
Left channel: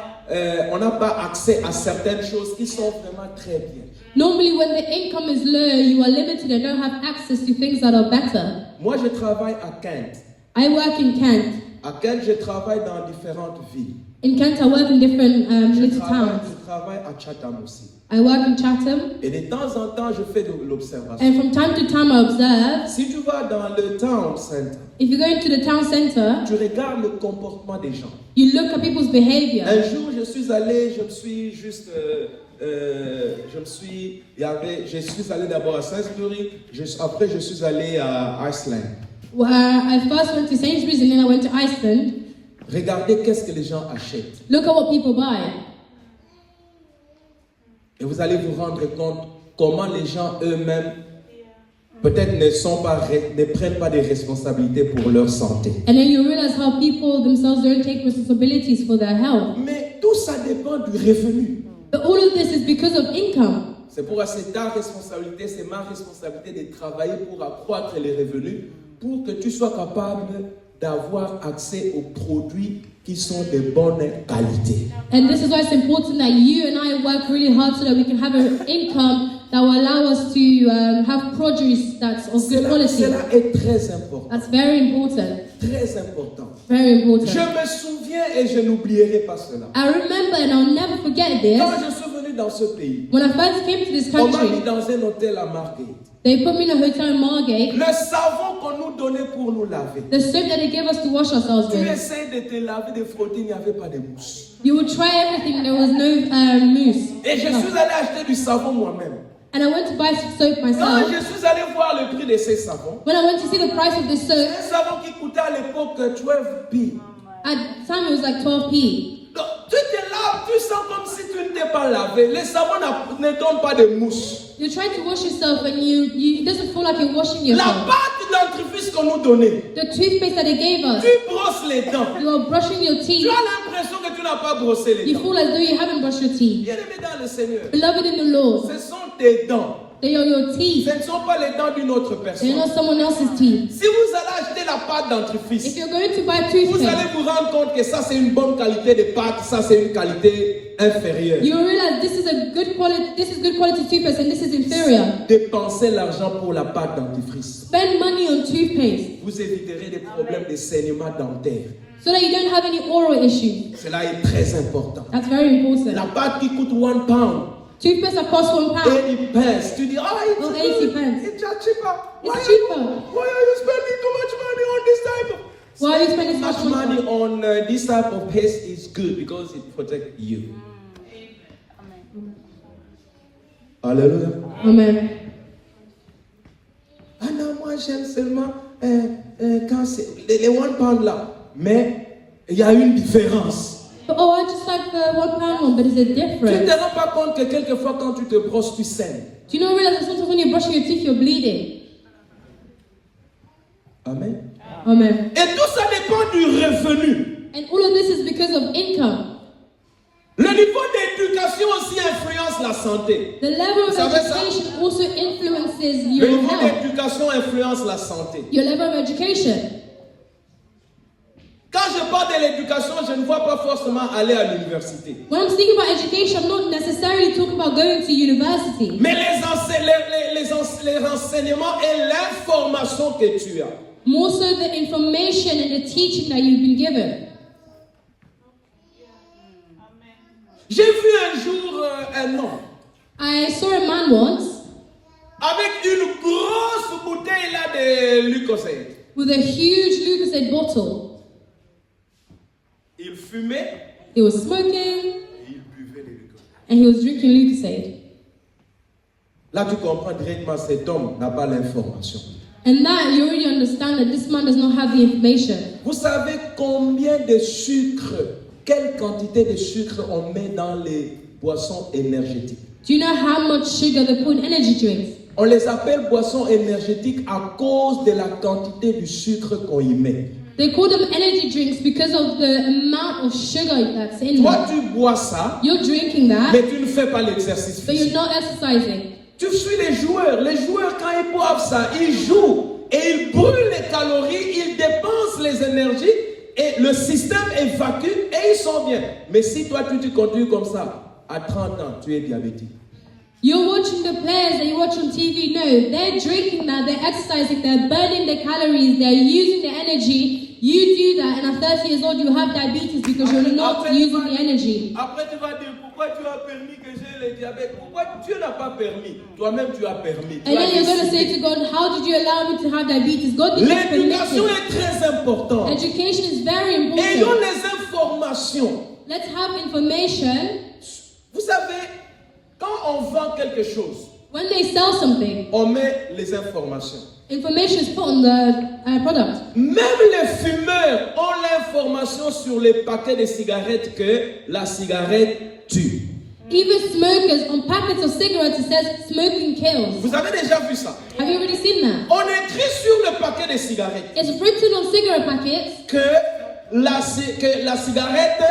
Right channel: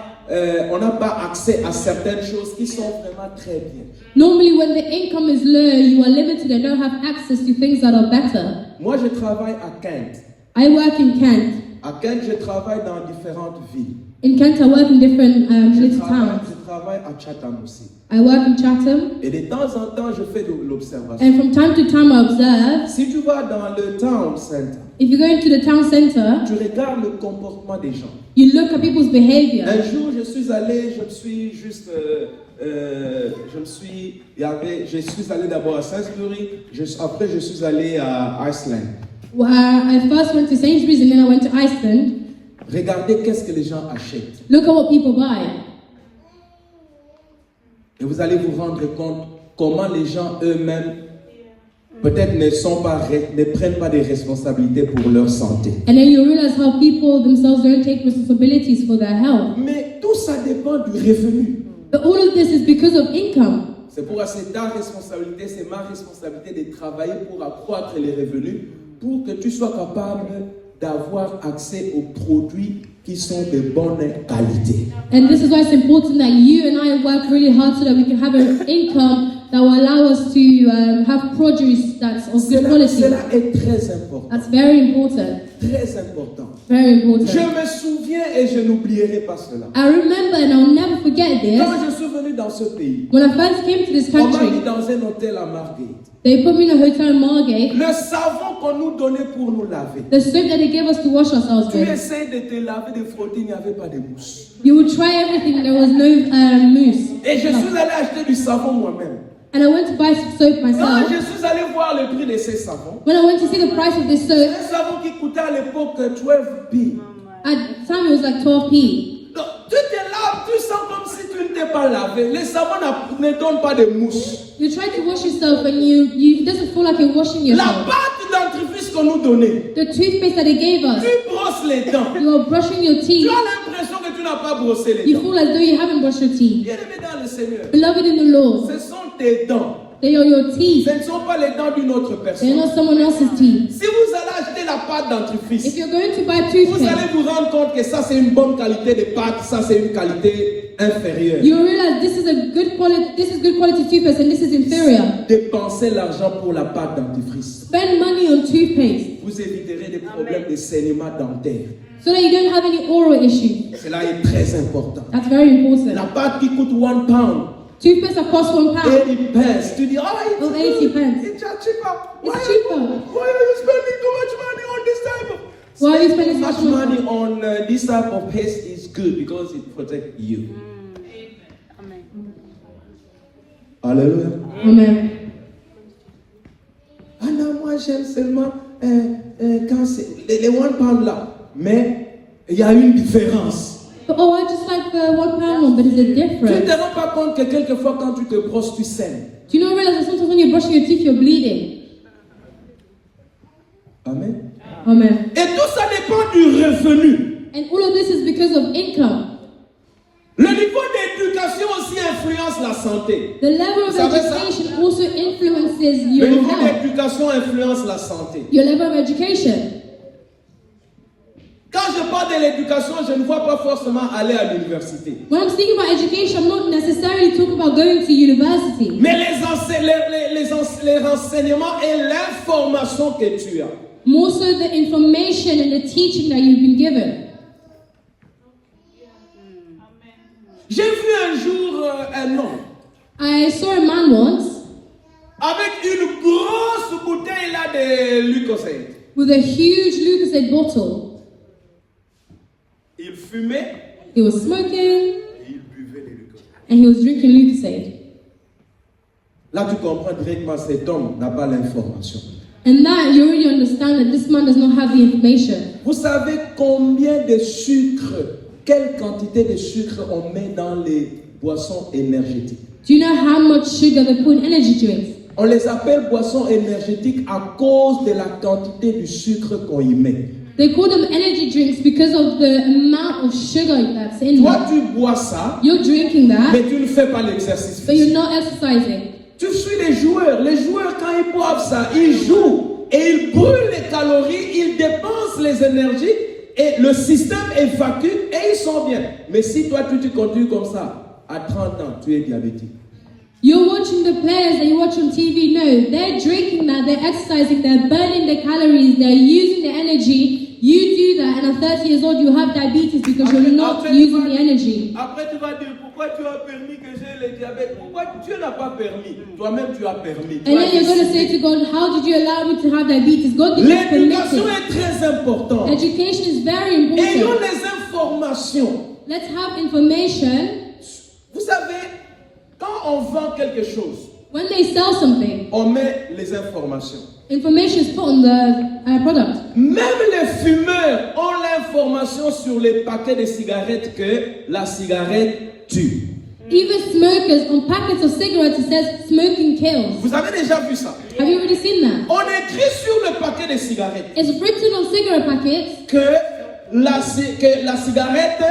accès à certaines choses qui sont vraiment très bien. Normally, when the income is low, you are limited and don't have access to things that are better. Moi, je travaille à Kent. I work in Kent. À Kent, je travaille dans différentes villes. In Kent, I work in different little towns. Je travaille à Chatham aussi. I work in Chatham, Et de temps en temps, je fais de l'observation. and from time to time, I observe. Si tu vas dans le town center, If you go into the town center, tu regardes le comportement des gens. you look at people's behavior. Un jour, je suis allé d'abord à Sainsbury, après je suis allé à Iceland. I first went to Sainsbury's and then I went to Iceland. Regardez qu'est-ce que les gens achètent. Look at what people buy. Et vous allez vous rendre compte comment les gens eux-mêmes peut-être ne prennent pas des responsabilités pour leur santé. And then you realize how people themselves don't take responsibilities for their health. Mais tout ça dépend du revenu. But all of this is because of income. C'est pourquoi c'est ta responsabilité, c'est ma responsabilité de travailler pour accroître les revenus, pour que tu sois capable d'avoir accès aux produits qui sont de bonne qualité. And this is why it's important that you and I work really hard so that we can have an income that will allow us to have produce that's of good quality. Cela est très important. That's very important. Très important. Very Je important. me souviens et je n'oublierai pas cela. I remember and I'll never forget this. Quand je suis venu dans ce pays, When I first came to this on m'a mis country, dans un hôtel à Margate. they put me in a hotel in Margate. Le savon qu'on nous donnait pour nous laver. The soap that they gave us to wash ourselves Tu with. essaies de te laver, de frotter, il n'y avait pas de mousse. You would try everything, there was no mousse. Et je suis allé acheter du savon moi-même. And I went to buy some soap Quand myself. je suis allé voir le prix de ces savons, When I went to see the price of this soap, un savon qui coûtait à l'époque 12p. at the time it was like 12p. Donc, tu te laves, tu sens comme si tu ne t'es pas lavé. Les savons ne donnent pas de mousse. You try to wash yourself and it doesn't feel like you're washing La yourself. pâte dentifrice qu'on nous donnait, The toothpaste that they gave us, tu brosses les dents. you are brushing your Tu teeth. as l'impression que tu n'as pas brossé les You dents. feel as though you haven't brushed your teeth. Bien-aimé dans le Seigneur, Beloved in the Lord, ce sont tes dents. they are your teeth. Ce ne sont pas les dents d'une autre They're personne. not someone else's teeth. Si vous allez acheter la pâte dentifrice, If you're going to buy vous allez toothpaste, vous rendre compte que ça c'est une bonne qualité de pâte, ça c'est une qualité inférieure. you realize this is good quality toothpaste and this is inferior. Dépensez l'argent pour la pâte dentifrice. Spend money on toothpaste Vous éviterez des problèmes de saignement dentaire. so that you don't have any oral issues. Cela est très important. That's very important. La pâte qui coûte 1 pound, Toothpaste that costs £1. 80 pence. Tu dis, Oh, 80 pence. it's cheaper. It's cheaper. Why are you spending too much money on this type of? Why are you spending Much so much money on this type of paste is good because it protects you. Alléluia. Amen. Ah non, moi j'aime seulement quand c'est les 1 pound là. Mais il y a une différence. But, I just like the £1 one, but is it Tu ne different? te rends pas compte que quelquefois quand tu te brosses, tu saignes. Do you not realize that sometimes when you're brushing your teeth, you're bleeding? Amen. Amen. Et tout ça dépend du revenu. And all of this is because of income. Le niveau d'éducation aussi influence la santé. The level of Vous savez ça? education also influences Le your niveau health. d'éducation influence la santé. Your level of education. Quand je parle de l'éducation, je ne vois pas forcément aller à l'université. When I'm speaking about education, I'm not necessarily talking about going to university. Mais les renseignements et l'information que tu as. More so the information and the teaching that you've been given. J'ai vu un jour un homme I saw a man once avec une grosse bouteille là de Lucozade. with a huge Lucozade bottle. Il fumait He was smoking et il buvait les Lucozade. and he was drinking Lucozade. Là, tu comprends directement cet homme n'a pas l'information. And that you already understand that this man does not have the information. Vous savez combien de sucre, quelle quantité de sucre on met dans les boissons énergétiques? Do you know how much sugar they put in energy drinks? On les appelle boissons énergétiques à cause de la quantité du sucre qu'on y met. They call them energy drinks because of the amount of sugar that's in Toi, them. tu bois ça, You're drinking that, mais tu ne fais pas l'exercice but you're physique. not exercising. Tu suis les joueurs. Les joueurs, quand ils boivent ça, ils jouent et ils brûlent les calories, ils dépensent les énergies et le système évacue et ils sont bien. Mais si toi, tu continues comme ça, à 30 ans, tu es diabétique. You're watching the players that you watch on TV. No, they're drinking that, they're exercising, they're burning the calories, they're using the energy. You do that, and at 30 years old, you have diabetes because you're not using the energy. Après, tu vas dire, pourquoi tu as permis que j'ai le diabète? Pourquoi Dieu n'a pas permis? Toi-même, tu as permis. Tu And as then you're going to say décidé. to God, how did you allow me to have diabetes? God did not permit L'éducation it. est très importante. Education is very Ayons important. les informations. Let's have information. Vous savez, quand on vend quelque chose, When they sell something, on met les informations. information is put on the product. Même les fumeurs ont l'information sur les paquets de cigarettes que la cigarette tue. Even smokers, on packets of cigarettes, it says smoking kills. Vous avez déjà vu ça? Have you already seen that? On écrit sur le paquet de cigarettes It's written on cigarette packets que la cigarette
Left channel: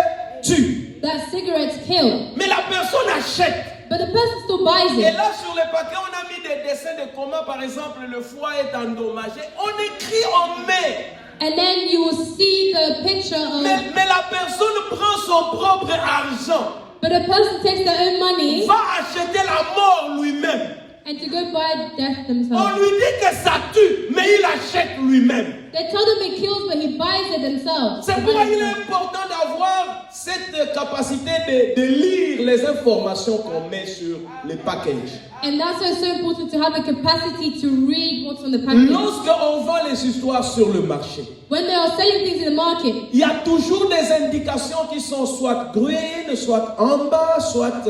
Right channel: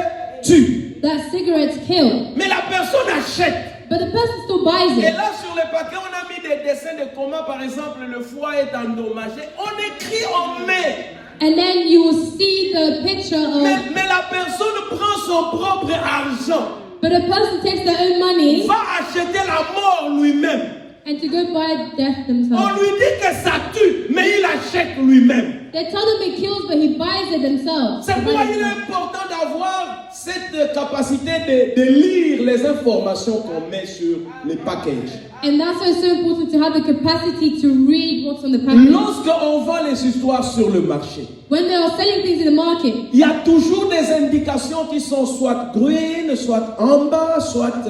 tue. that cigarettes kill. Mais la personne achète. But the person still buys Et it. là, sur le paquet, on a mis des dessins de comment, par exemple, le foie est endommagé. On écrit, on met. And then you will see the picture Mais of, la personne prend son propre argent, but the person takes their own money va acheter la mort lui-même. and to go buy death On themselves. lui dit que ça tue, mais il achète lui-même. They tell them it kills, but he buys it themselves. C'est pourquoi il est important d'avoir cette capacité de lire les informations qu'on met sur les packages. And that's why it's so important to have the capacity to read what's on the package. Lorsqu'on voit les histoires sur le marché, When they are selling things in the market, il y a toujours des indications qui sont soit green, soit amber, soit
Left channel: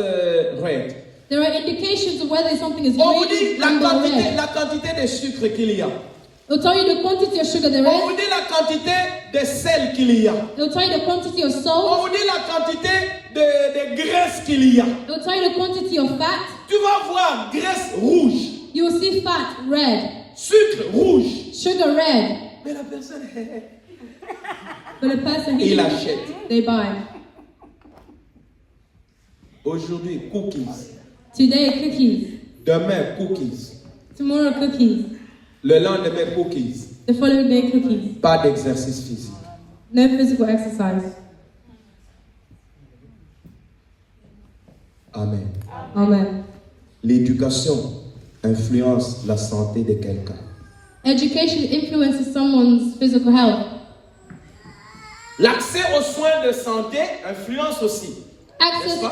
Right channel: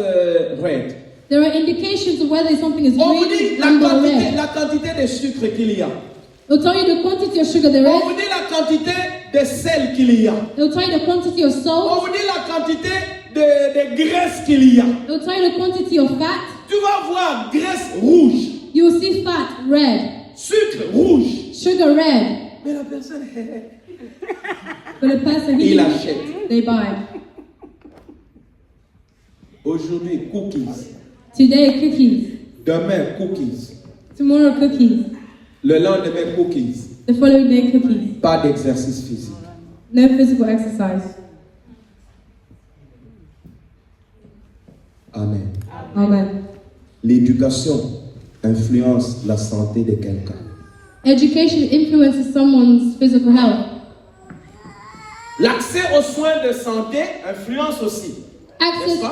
red. there are indications of whether something is On vous dit green, amber, or red. la quantité de sucre qu'il y a. It'll tell you the quantity of sugar there On is. vous dit la quantité de sel qu'il y a. It'll tell you the quantity of On salt. vous dit la quantité de graisse qu'il y a. It'll tell you the quantity of fat. Tu vas voir graisse rouge, You will see fat red, sucre rouge. sugar red. Mais la personne, But the person il achète. they buy. Aujourd'hui, cookies. Today cookies, Demain, cookies. tomorrow cookies, Le lendemain, cookies. the following day cookies. Pas d'exercice physique. No physical exercise. Amen. Amen. L'éducation influence la santé de quelqu'un. Education influences someone's physical health. L'accès aux soins de santé influence aussi. Access to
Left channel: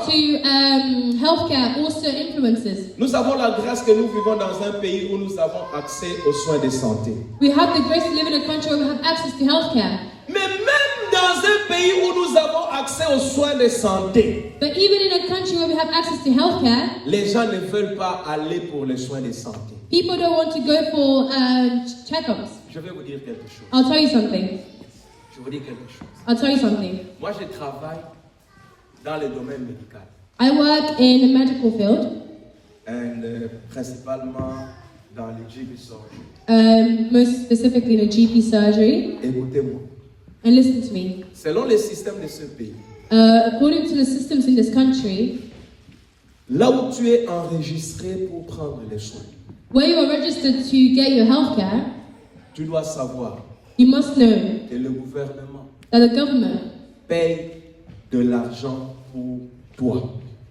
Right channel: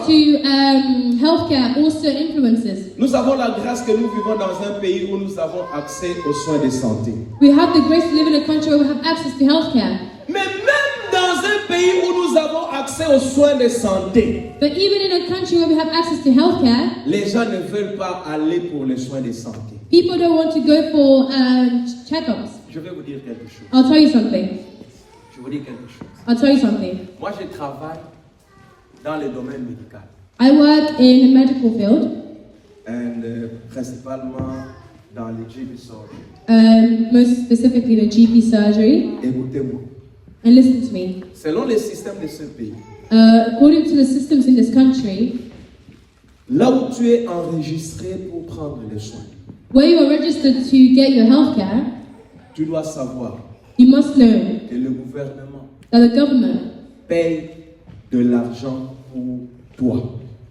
healthcare also influences. Nous avons la grâce que nous vivons dans un pays où nous avons accès aux soins de santé. We have the grace to live in a country where we have access to healthcare. Mais même dans un pays où nous avons accès aux soins de santé, But even in a country where we have access to healthcare, les gens ne veulent pas aller pour les soins de santé. people don't want to go for checkups. Je vais vous dire quelque chose. I'll tell you something. Je vous dis quelque chose. I'll tell you something. Moi, je travaille dans le domaine médical. I work in a medical field, Et principalement dans le GP surgery. most specifically in a GP surgery. Écoutez-moi. And listen to me. Selon les systèmes de ce pays, According to the systems in this country, là où tu es enregistré pour prendre les soins, where you are registered to get your healthcare, tu dois savoir you must know que le gouvernement that the government paye de l'argent pour toi.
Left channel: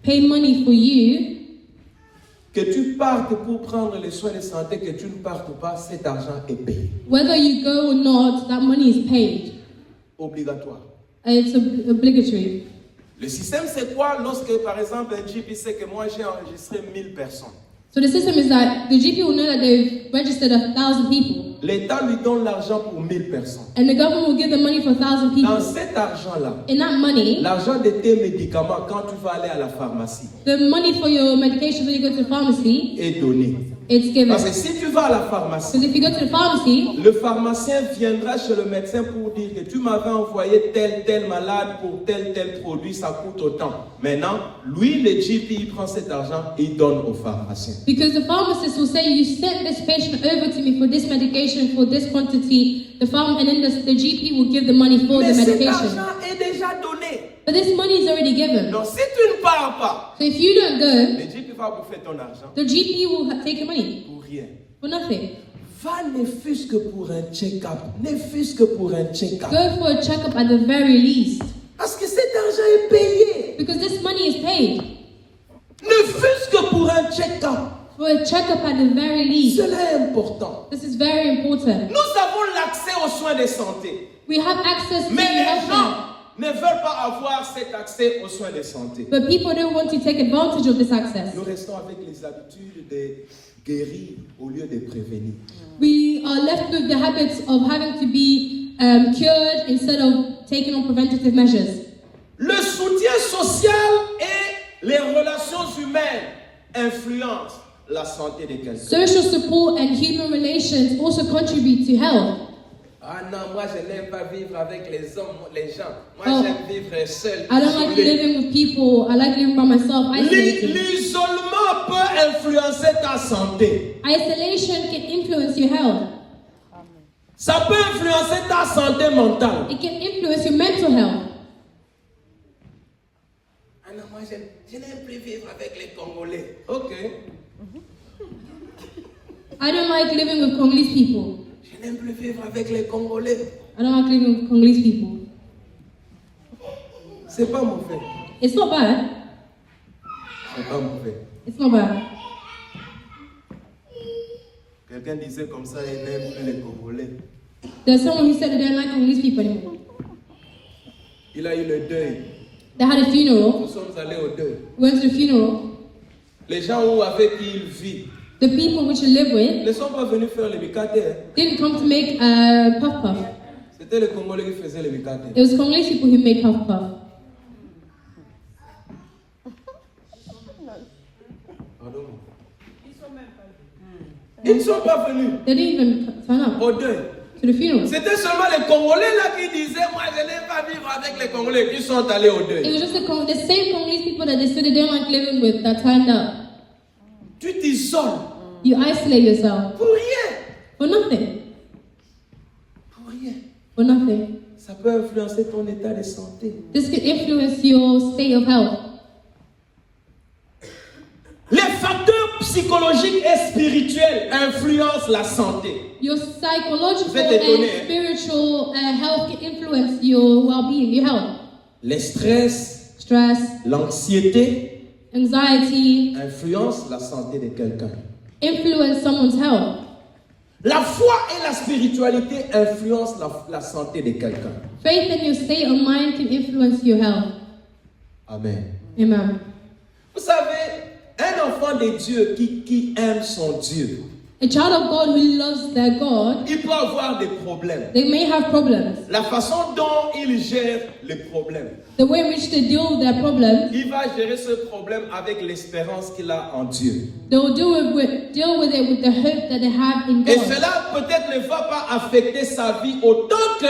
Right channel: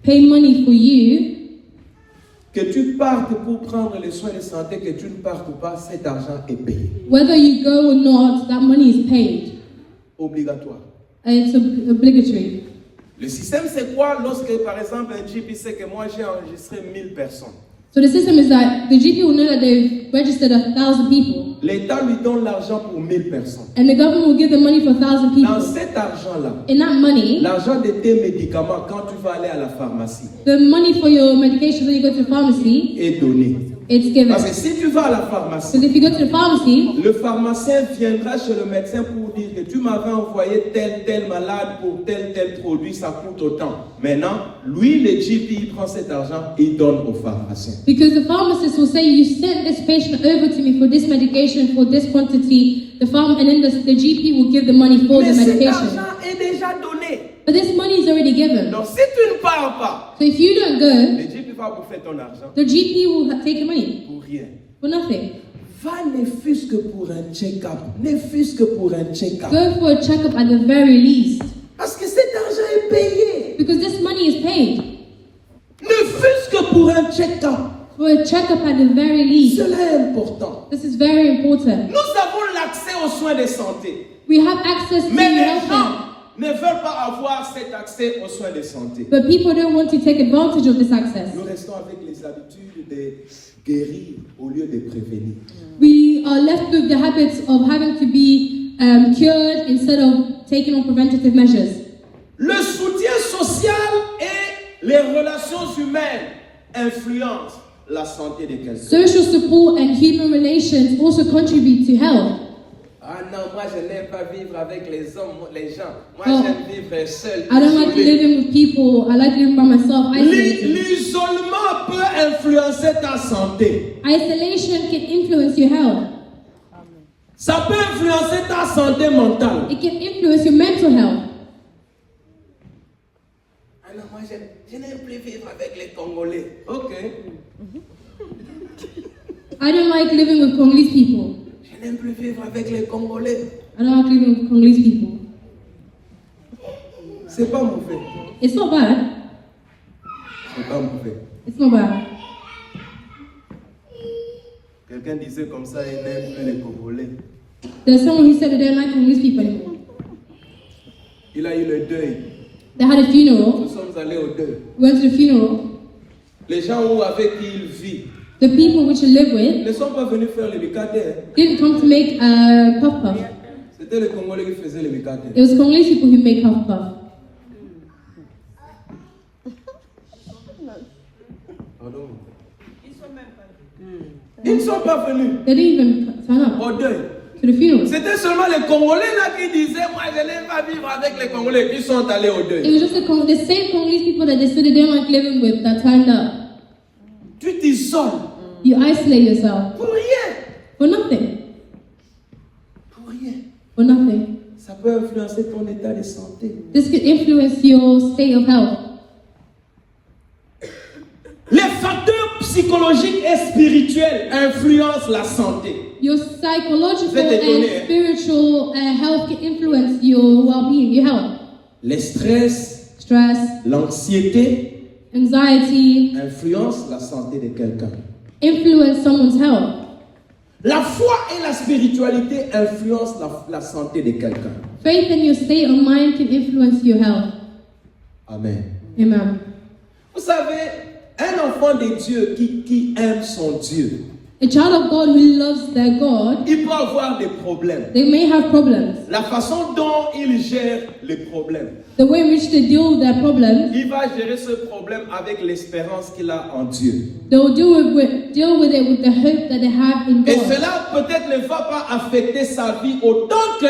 pay money for you. Que tu partes pour prendre les soins de santé, que tu ne partes pas, cet argent est payé. Whether you go or not, that money is paid. Obligatoire. It's obligatory. Le système, c'est quoi lorsque, par exemple, un GP sait que moi j'ai enregistré 1000 personnes. So the system is that the GP will know that they've registered 1,000 people. L'État lui donne l'argent pour 1000 personnes. And the government will give the money for 1,000 Dans people. cet argent-là, In that money, l'argent de tes médicaments quand tu vas aller à la pharmacie the money for your medication when you go to the pharmacy, est donné. it's given. Parce que si tu vas à la pharmacie, Because if you go to the pharmacy, le pharmacien viendra chez le médecin pour dire que tu m'avais envoyé tel malade pour tel produit, ça coûte autant. Maintenant, lui, le GP, il prend cet argent et il donne au pharmacien. because the pharmacist will say, you sent this patient over to me for this medication, for this quantity, and then the GP will give the money for Mais the cet medication. argent est déjà donné. But this money is already given. Donc si tu ne pars pas, So if you don't go, le GP va bouffer ton argent the GP will take your money pour rien. for nothing. Va ne fût-ce que pour un check-up. Ne fût-ce que pour un check-up. Go for a checkup at the very least. Parce que cet argent est payé. Because this money is paid. Ne fût-ce que pour un check-up. For a checkup at the very least. Cela est important. This is very important. Nous avons l'accès aux soins de santé. We have access to Mais les healthcare, gens ne veulent pas avoir cet accès aux soins de santé. but people don't want to take advantage of this access. Nous restons avec les habitudes de guérir au lieu de prévenir. We are left with the habits of having to be cured instead of taking on preventative measures. Le soutien social et les relations humaines influencent la santé de quelqu'un. Social support and human relations also contribute to health. Ah non, moi je n'aime pas vivre avec les hommes, les gens. Moi Oh. j'aime vivre seul. I don't like living with people. I like living by myself. L'isolement peut influencer ta santé. Isolation can influence your health. Ça peut influencer ta santé mentale. It can influence your mental health. Ah non, moi je n'aime plus vivre avec les Congolais. Ok. I don't like living with Congolese people. Je n'aime plus vivre avec les Congolais. I don't like living with Congolese people. C'est pas mauvais. It's not bad. C'est pas mauvais. It's not bad. Quelqu'un disait comme ça, il n'aime plus les Congolais. There's someone who said they don't like Congolese people anymore. Il a eu le deuil. They had a funeral. Nous sommes allés au deuil. Went to the funeral. Les gens avec qui il vit The people which you live with ne sont pas venus faire le mikate. didn't come to make puff puff. C'était les Congolais qui faisaient le mikate. It was Congolese people who make puff puff. Pardon. Ils ne sont pas venus They didn't even turn up au deuil. to the funeral. C'était seulement les Congolais là qui disaient moi je n'aime pas vivre avec les Congolais qui sont allés au It deuil. was just the same Congolese people that they said they don't like living with that turned up. Tu t'isoles You isolate yourself pour rien. for nothing. Pour rien. For nothing. Ça peut influencer ton état de santé. This could influence your state of health. Les facteurs psychologiques et spirituels influencent la santé. Your psychological Vous êtes étonné, and spiritual health can influence your well-being, your health. Le stress, Stress, l'anxiété anxiety, influencent la santé de quelqu'un. influence someone's health. La foi et la spiritualité influencent la santé de quelqu'un. Faith in your state of mind can influence your health. Amen. Amen. Vous savez, un enfant de Dieu qui aime son Dieu, A child of God who loves their God, il peut avoir des problèmes. they may have problems. La façon dont il gère les problèmes, The way in which they deal with their problems, il va gérer ce problème avec l'espérance qu'il a en Dieu. they'll deal with it with the hope that they have in Et God. cela peut-être ne va pas affecter sa vie autant que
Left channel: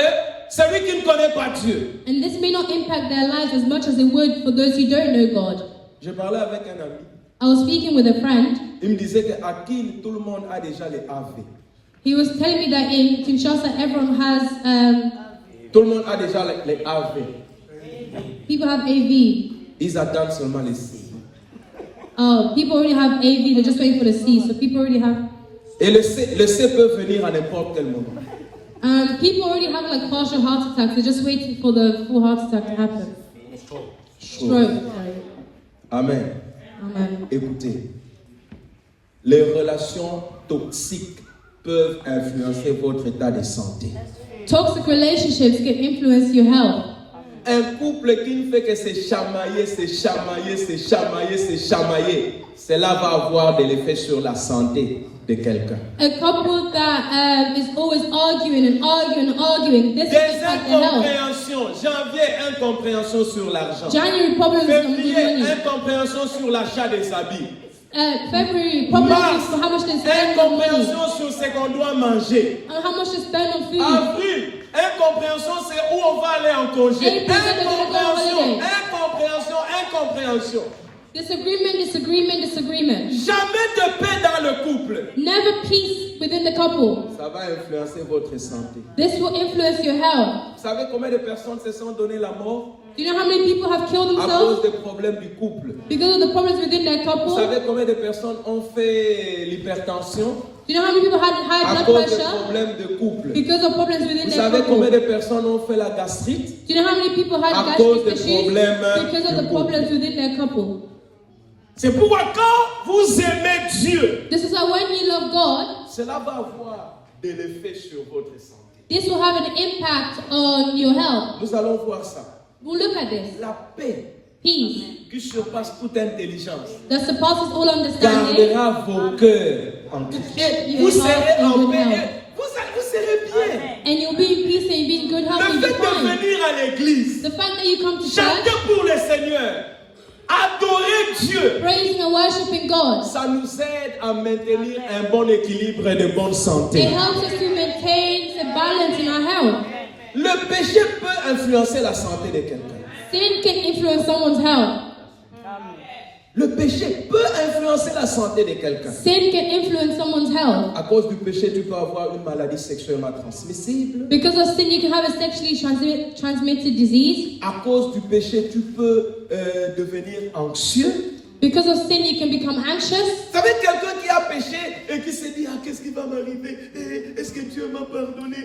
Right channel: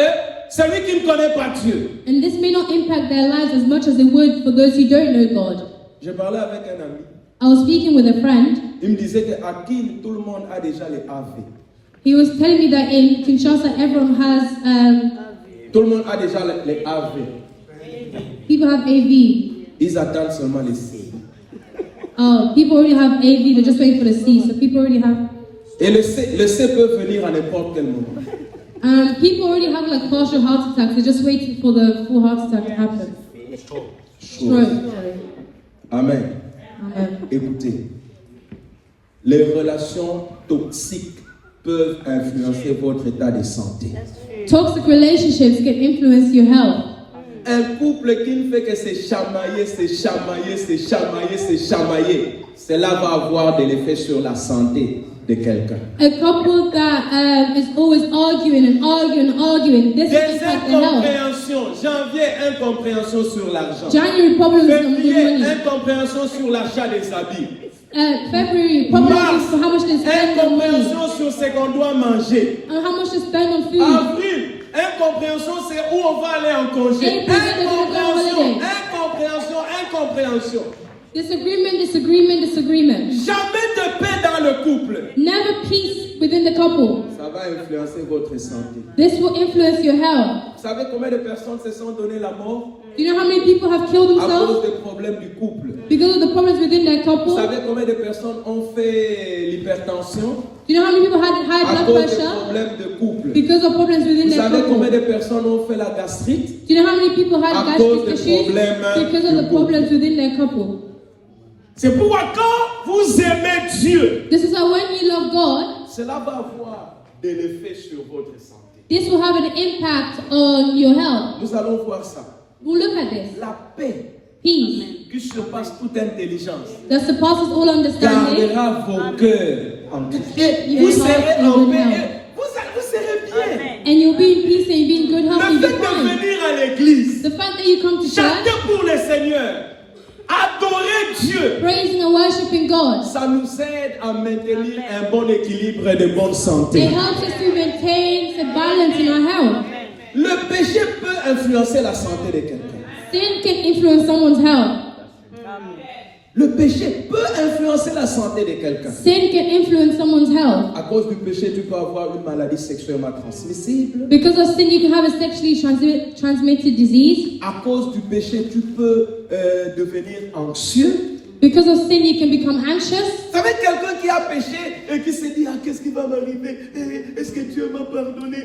celui qui ne connaît pas Dieu. And this may not impact their lives as much as it would for those who don't know God. Je parlais avec un ami. I was speaking with a friend. Il me disait qu'à Kiel, tout le monde a déjà les AV. He was telling me that in Kinshasa, everyone has, Tout le monde a déjà les AV. people have AV. Ils attendent seulement les C. People already have AV, they're just waiting for the C. So people already have, Et le C peut venir à n'importe quel moment. people already have like partial heart attacks, they're just waiting for the full heart attack to happen. Stroke. Amen. Amen. Écoutez, les relations toxiques peuvent influencer votre état de santé. Toxic relationships can influence your health. Un couple qui ne fait que se chamailler, cela va avoir de l'effet sur la santé de quelqu'un. A couple that is always arguing, this Des will impact their health. incompréhensions. Janvier, incompréhension sur l'argent. January problems with Février, money. incompréhension sur l'achat des habits. February Mars, problems with how much they spend on money, incompréhension sur ce qu'on doit manger. on how much they spend on food. Avril, incompréhension, c'est où on va aller en congé. Incompréhension. Disagreement. Jamais de paix dans le couple. Never peace within the couple. Ça va influencer votre santé. This will influence your health. Vous savez combien de personnes se sont donné la mort Do you know how many people have killed à cause themselves des problèmes du couple? because of the problems within their Vous couple? savez combien de personnes ont fait l'hypertension Do you know how many people had high à blood cause des pressure problèmes de couple? because of problems within Vous their savez combien couple? de personnes ont fait la gastrite Do you know how many people à had cause gastric des issues problèmes because of du the couple? problems within their couple? C'est pourquoi quand vous aimez Dieu, This is how when you love God, cela va avoir de l'effet sur votre santé. this will have an impact on your health. Nous allons voir ça. We'll look at this. La paix Peace qui surpasse toute intelligence that surpasses all understanding. gardera vos cœurs en Christ. Your Vous heart serez in en good paix health. et vous serez bien. And you'll be in peace and you'll be in good health Le and fait good de time. venir à l'église, The fact that you come to church, chanter pour le Seigneur, adorer Dieu, praising and worshiping God, ça nous aide à maintenir un bon équilibre et de bonne it santé. helps us to maintain a balance in our health. Le péché peut influencer la santé de quelqu'un. Sin can influence someone's health. Le péché peut influencer la santé de quelqu'un. Sin can influence someone's health. À cause du péché, tu peux avoir une maladie sexuellement transmissible. Because of sin, you can have a sexually transmitted disease. À cause du péché, tu peux devenir anxieux. Because of sin, you can become anxious. Vous savez, quelqu'un qui a péché et qui se dit, ah, qu'est-ce qui va m'arriver? Est-ce que Dieu m'a pardonné?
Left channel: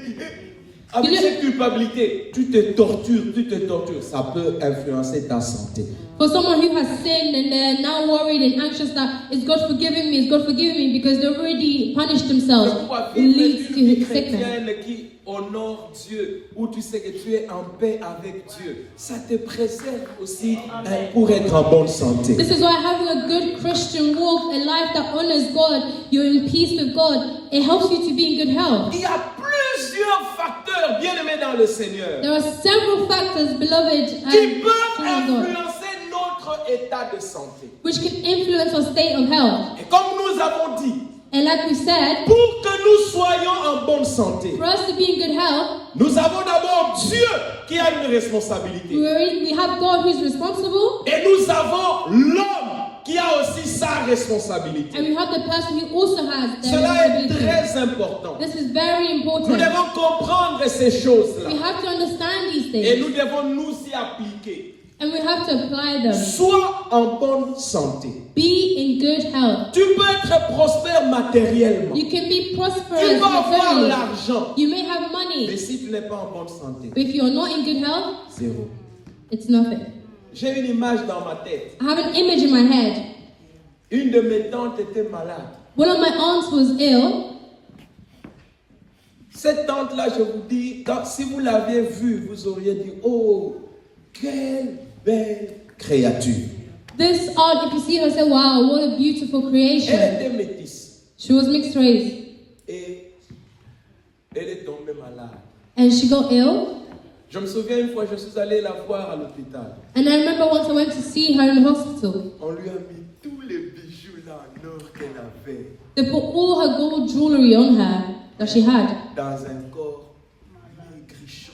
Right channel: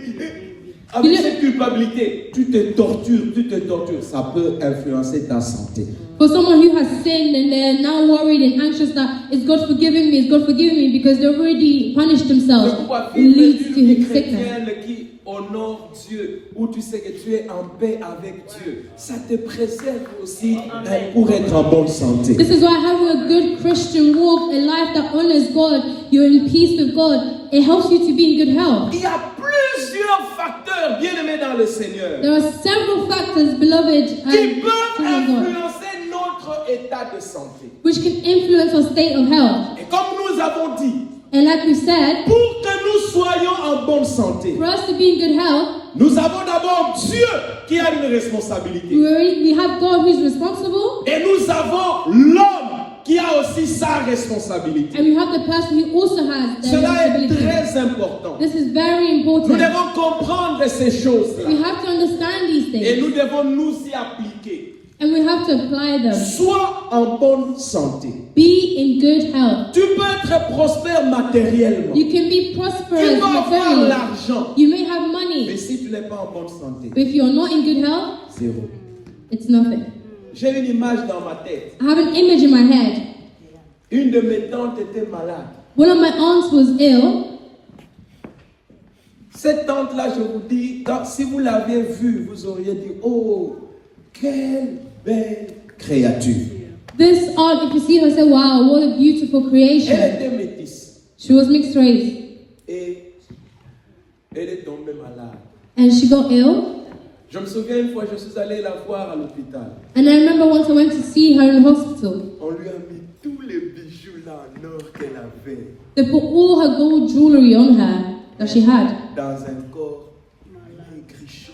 Avec cette culpabilité, tu te tortures. Ça peut influencer ta santé. For someone who has sinned and they're now worried and anxious that is God forgiving me because they already punished C'est themselves, pourquoi it vivre leads to une vie sickness. chrétienne qui honore Dieu, où tu sais que tu es en paix avec Dieu, ça te préserve aussi pour être en bonne santé. This is why having a good Christian walk, a life that honors God, you're in peace with God, it helps you to be in good health. Il y a plusieurs facteurs bien aimés dans le Seigneur There are several factors, beloved, qui peuvent in God, influencer notre état de santé. which can influence our state of health. Et comme nous avons dit, And like we said, pour que nous soyons en bonne santé, for us to be in good health, nous avons d'abord Dieu qui a une responsabilité. we have God who is responsible, Et nous avons l'homme qui a aussi sa responsabilité. and we have the person who also has the Cela est responsibility. très important. This is very Nous important. devons comprendre ces choses-là. We have to understand these Et things, nous devons nous y appliquer. and we have to apply them. Sois en bonne santé. Be in good health. Tu peux être prospère matériellement. You can be Tu prosperous peux avoir materially. l'argent. You may have Mais money, si tu n'es pas en bonne santé, but if you're not in good health, zéro. it's nothing. J'ai une image dans ma tête. I have an image in my head. Une de mes tantes était malade. One of my aunts was ill. Cette tante-là, je vous dis, si vous l'aviez vue, vous auriez dit, oh, quelle belle créature. This aunt, if you see her, say, wow, what a beautiful Elle creation. était métisse. She was mixed race, Et elle est tombée malade. and she got ill. Je me souviens une fois, je suis allé la voir à l'hôpital. And I remember once I went to see her in the hospital. On lui a mis tous les bijoux là en or qu'elle avait They put all her gold jewelry on her that she had, dans un corps maigrichon.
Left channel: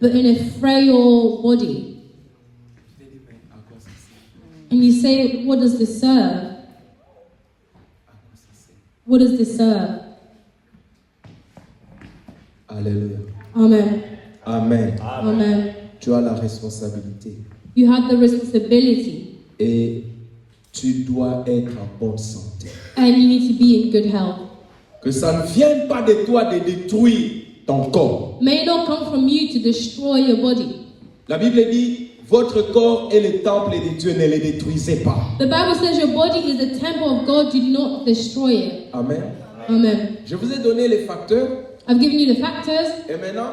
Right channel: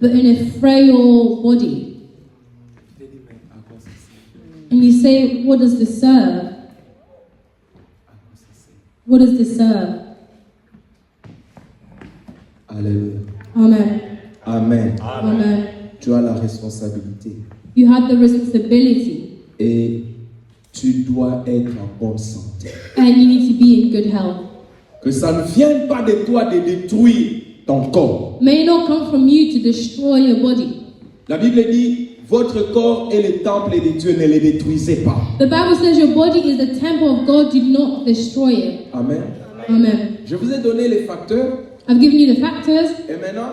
but in a frail body. Je t'ai dit, mais à quoi ça sert? And you say, what does this serve? À quoi ça sert? What does this serve? Alléluia. Amen. Amen. Amen. Tu as la responsabilité. You have the responsibility, Et tu dois être en bonne santé. and you need to be in good health. Que ça ne vienne pas de toi de détruire ton corps. May it not come from you to destroy your body. La Bible dit, votre corps est le temple de Dieu, ne le détruisez pas. The Bible says your body is the temple of God, do not destroy it. Amen. Amen. Je vous ai donné les facteurs. I've given you the factors, Et maintenant,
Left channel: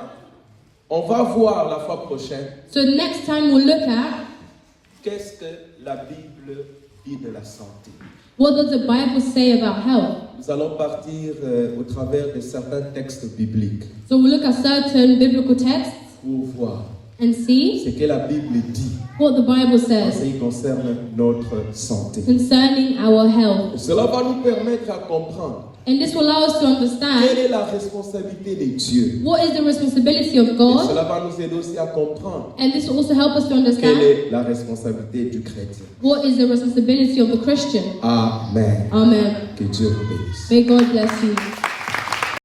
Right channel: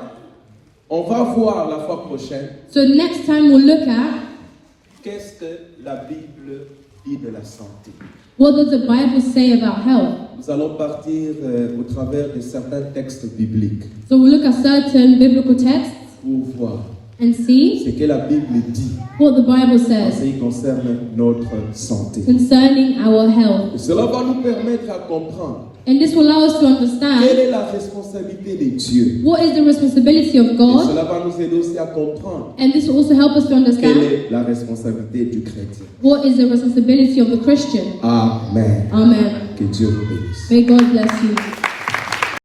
on va voir la fois prochaine so next time we'll look at qu'est-ce que la Bible dit de la santé. What does the Bible say about health? Nous allons partir au travers de certains textes bibliques So we look at certain biblical texts pour voir and see ce que la Bible dit what the Bible en says ce qui concerne notre santé. concerning our health. Cela va nous permettre à comprendre And this will allow us to quelle understand est la responsabilité de Dieu. what is the responsibility of Et God, cela va nous aider aussi à comprendre and this will also help us to quelle understand est la responsabilité du chrétien. what is the responsibility of the Christian. Amen. Amen. Que Dieu vous bénisse. May God bless you.